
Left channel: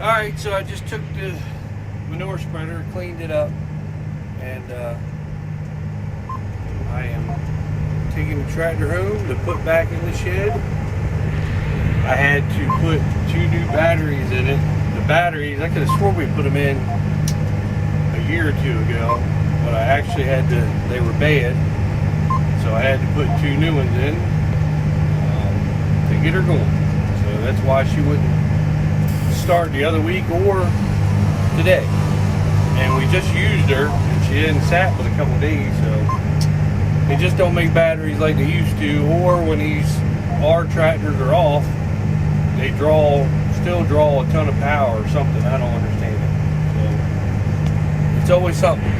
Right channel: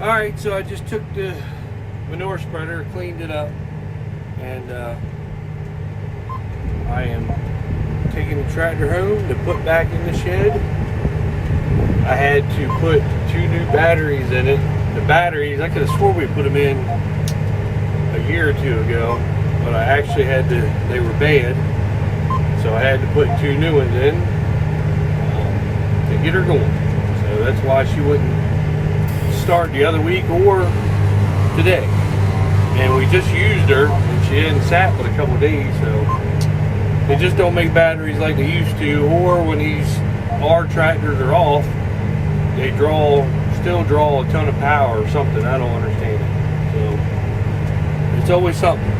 All right, so I just took the manure spreader, cleaned it up, and I am taking the tractor home to put back in the shed. I had to put 2 new batteries in it. The batteries, I could have swore we put them in a year or 2 ago, but I actually had to, they were bad, so I had to put 2 new ones in to get her going. So that's why she wouldn't start the other week or today. And we just used her, and she hadn't sat but a couple of days, so they just don't make batteries like they used to, or when our tractors are off, they still draw a ton of power or something. I don't understand it. So it's always something.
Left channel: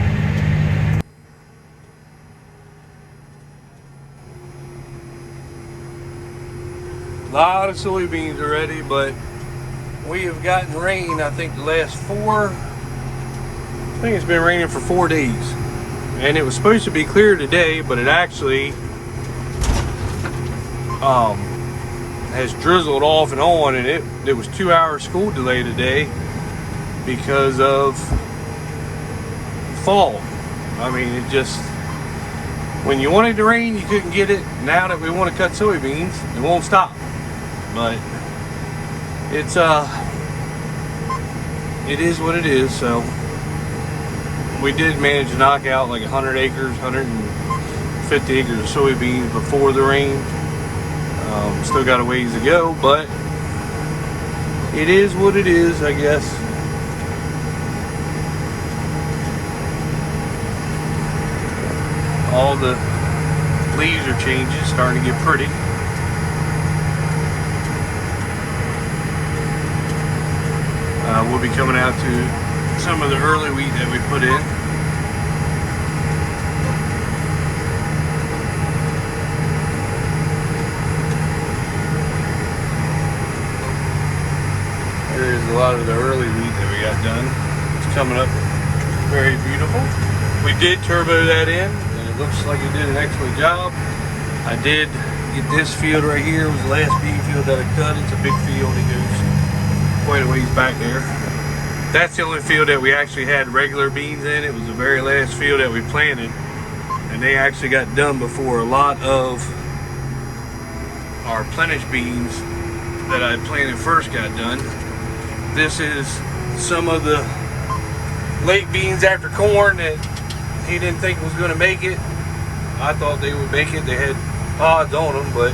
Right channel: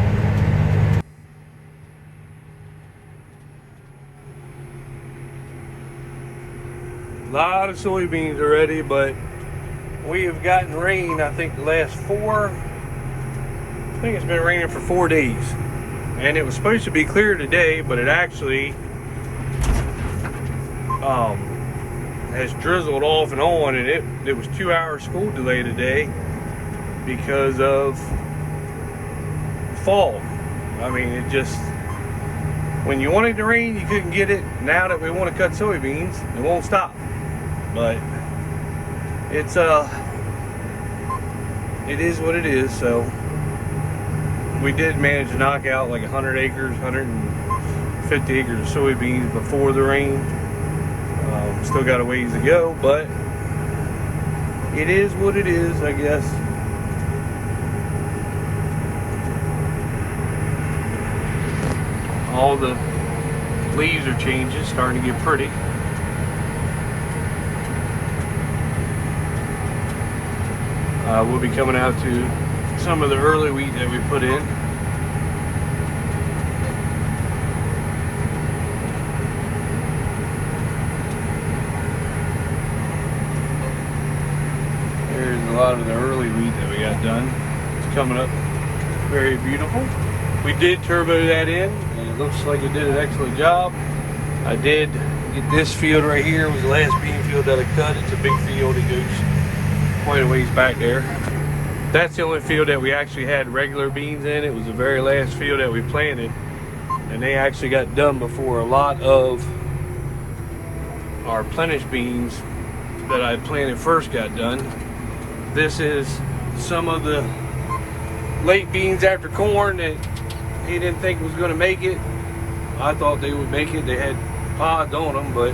A lot of soybeans already, but we have gotten rain, I think the last 4, I think it's been raining for 4 days. And it was supposed to be clear today, but it actually has drizzled off and on, and it was 2-hour school delay today because of fall. I mean, it just, when you wanted to rain, you couldn't get it. Now that we want to cut soybeans, it won't stop. But it's it is what it is. So we did manage to knock out like 100 acres, 150 acres of soybeans before the rain. Still got a ways to go, but it is what it is, I guess. All the leaves are changing, starting to get pretty. We'll be coming out to some of the early wheat that we put in. There's a lot of the early wheat that we got done. It's coming up very beautiful. We did turbo that in, and it looks like it did an excellent job. I did get this field right here. It was the last bean field that I cut. It's a big field. It goes quite a ways back there. That's the only field that we actually had regular beans in. It was the very last field that we planted, and they actually got done before a lot of our plenish beans that I planted first got done. This is some of the late beans after corn that he didn't think was going to make it. I thought they would make it. They had pods on them, but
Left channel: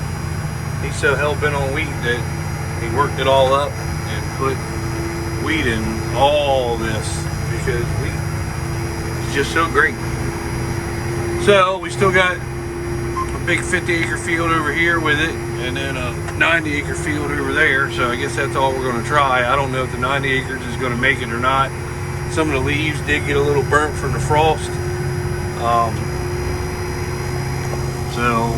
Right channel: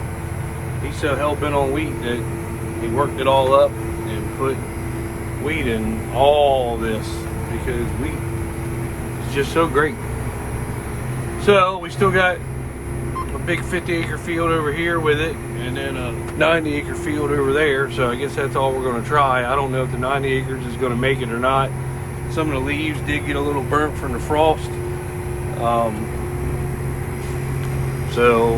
he's so hell-bent on wheat that he worked it all up and put wheat in all this because wheat is just so great. So we still got a big 50-acre field over here with it, and then a 90-acre field over there. So I guess that's all we're going to try. I don't know if the 90 acres is going to make it or not. Some of the leaves did get a little burnt from the frost. So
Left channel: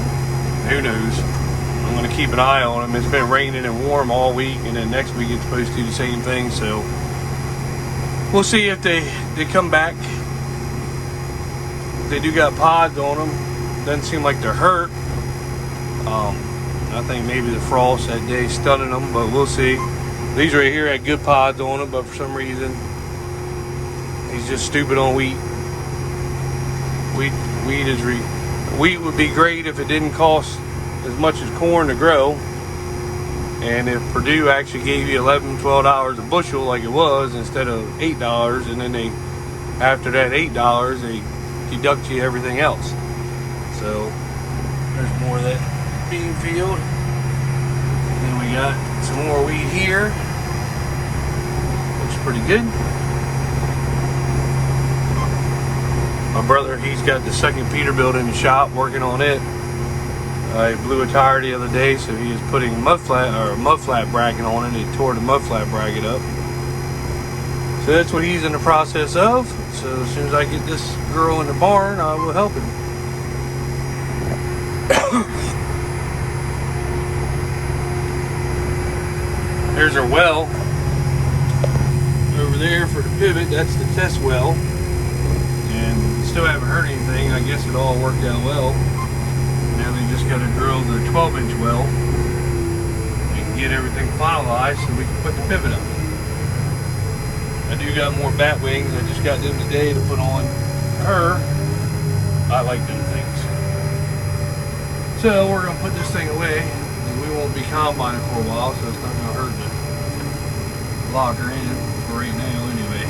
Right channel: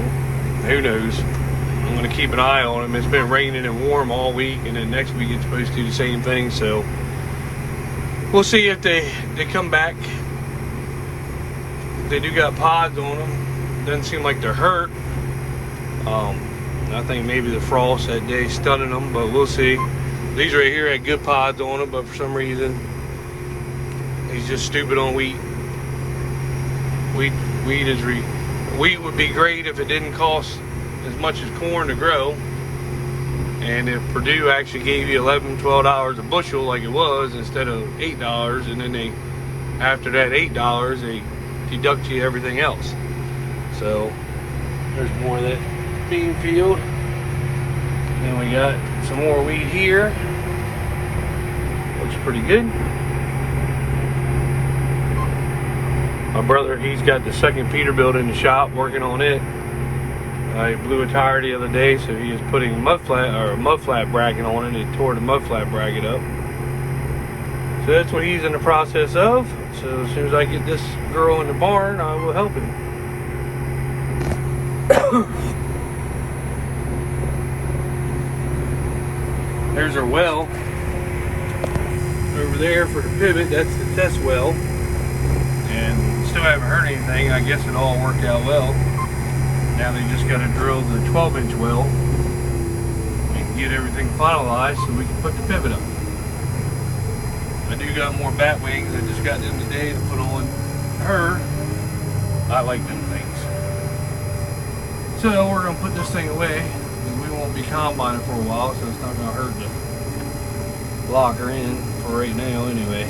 who knows? I'm going to keep an eye on them. It's been raining and warm all week, and then next week it's supposed to do the same thing. So we'll see if they come back. They do got pods on them. Doesn't seem like they're hurt. I think maybe the frost that day stunning them, but we'll see. These right here had good pods on them, but for some reason he's just stupid on wheat. Wheat would be great if it didn't cost as much as corn to grow, and if Purdue actually gave you $11-12 a bushel like it was instead of $8, and then they, after that $8, they deduct you everything else. So there's more of that bean field. And then we got some more wheat here. Looks pretty good. My brother, he's got the second Peterbilt in the shop working on it. He blew a tire the other day, so he was putting mud flat bracket on it. He tore the mud flat bracket up. So that's what he's in the process of. So as soon as I get this girl in the barn, I will help him. There's our well over there for the pivot. That's the test well, and still haven't heard anything. I guess it all worked out well. Now they just got to drill the 12-inch well and get everything finalized so we can put the pivot up. I do got more bat wings. I just got them today to put on her. I like them things. So we're going to put this thing away. And we won't be combining for a while, so it's not going to hurt to lock her in for right now anyway.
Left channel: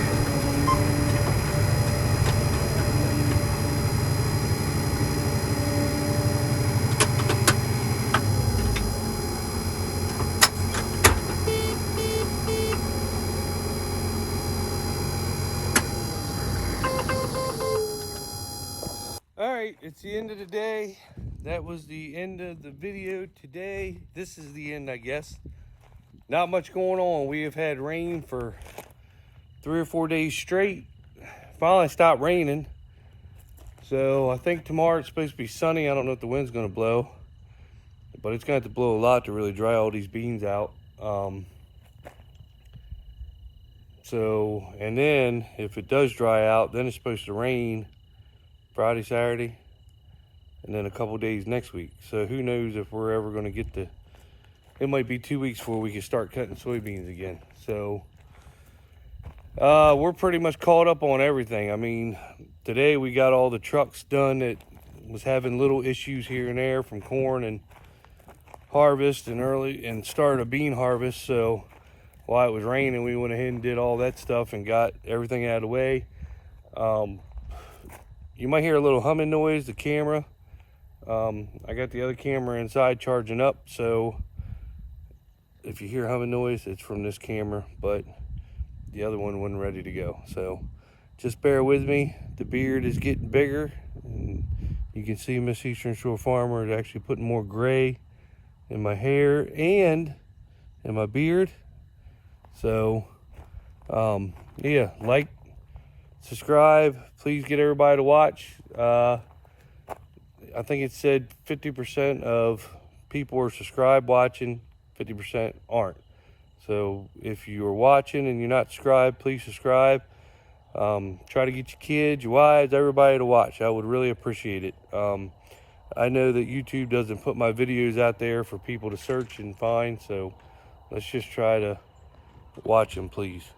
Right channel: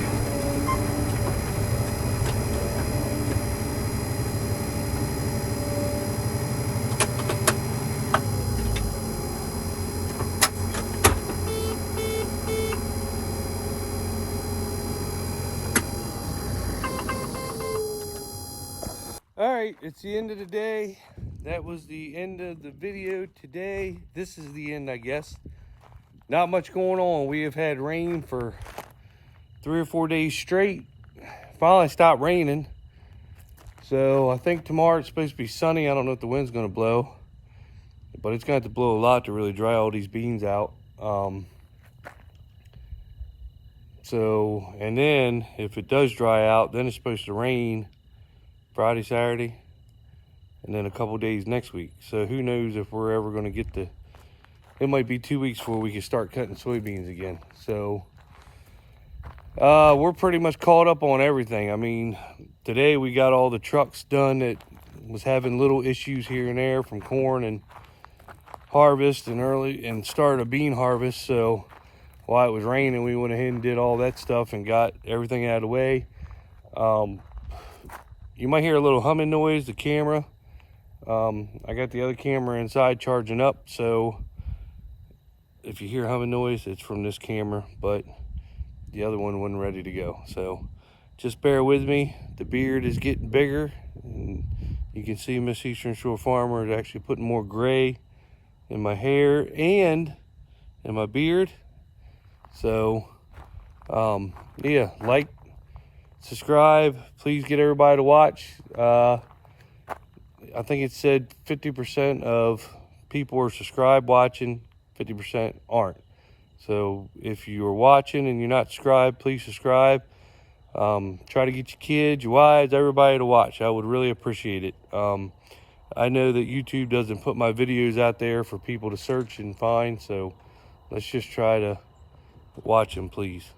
Alright, it's the end of the day. That was the end of the video today. This is the end, I guess. Not much going on. We have had rain for 3 or 4 days straight. Finally stopped raining. So I think tomorrow it's supposed to be sunny. I don't know if the wind's going to blow. But it's going to have to blow a lot to really dry all these beans out. And then if it does dry out, then it's supposed to rain Friday, Saturday, and then a couple days next week. So who knows if we're ever going to get it might be 2 weeks before we can start cutting soybeans again. So we're pretty much caught up on everything. I mean, today we got all the trucks done that was having little issues here and there from corn and harvest and started a bean harvest. So while it was raining, we went ahead and did all that stuff and got everything out of the way. You might hear a little humming noise, the camera. I got the other camera inside charging up, so if you hear humming noise, it's from this camera, but the other one wasn't ready to go. So just bear with me. The beard is getting bigger, and you can see Miss Eastern Shore Farmer is actually putting more gray in my hair and in my beard. So yeah, like, subscribe, please get everybody to watch. I think it said 50% of people are subscribed watching, 50% aren't. So if you're watching and you're not subscribed, please subscribe. Try to get your kids, your wives, everybody to watch. I would really appreciate it. I know that YouTube doesn't put my videos out there for people to search and find, so let's just try to watch them, please.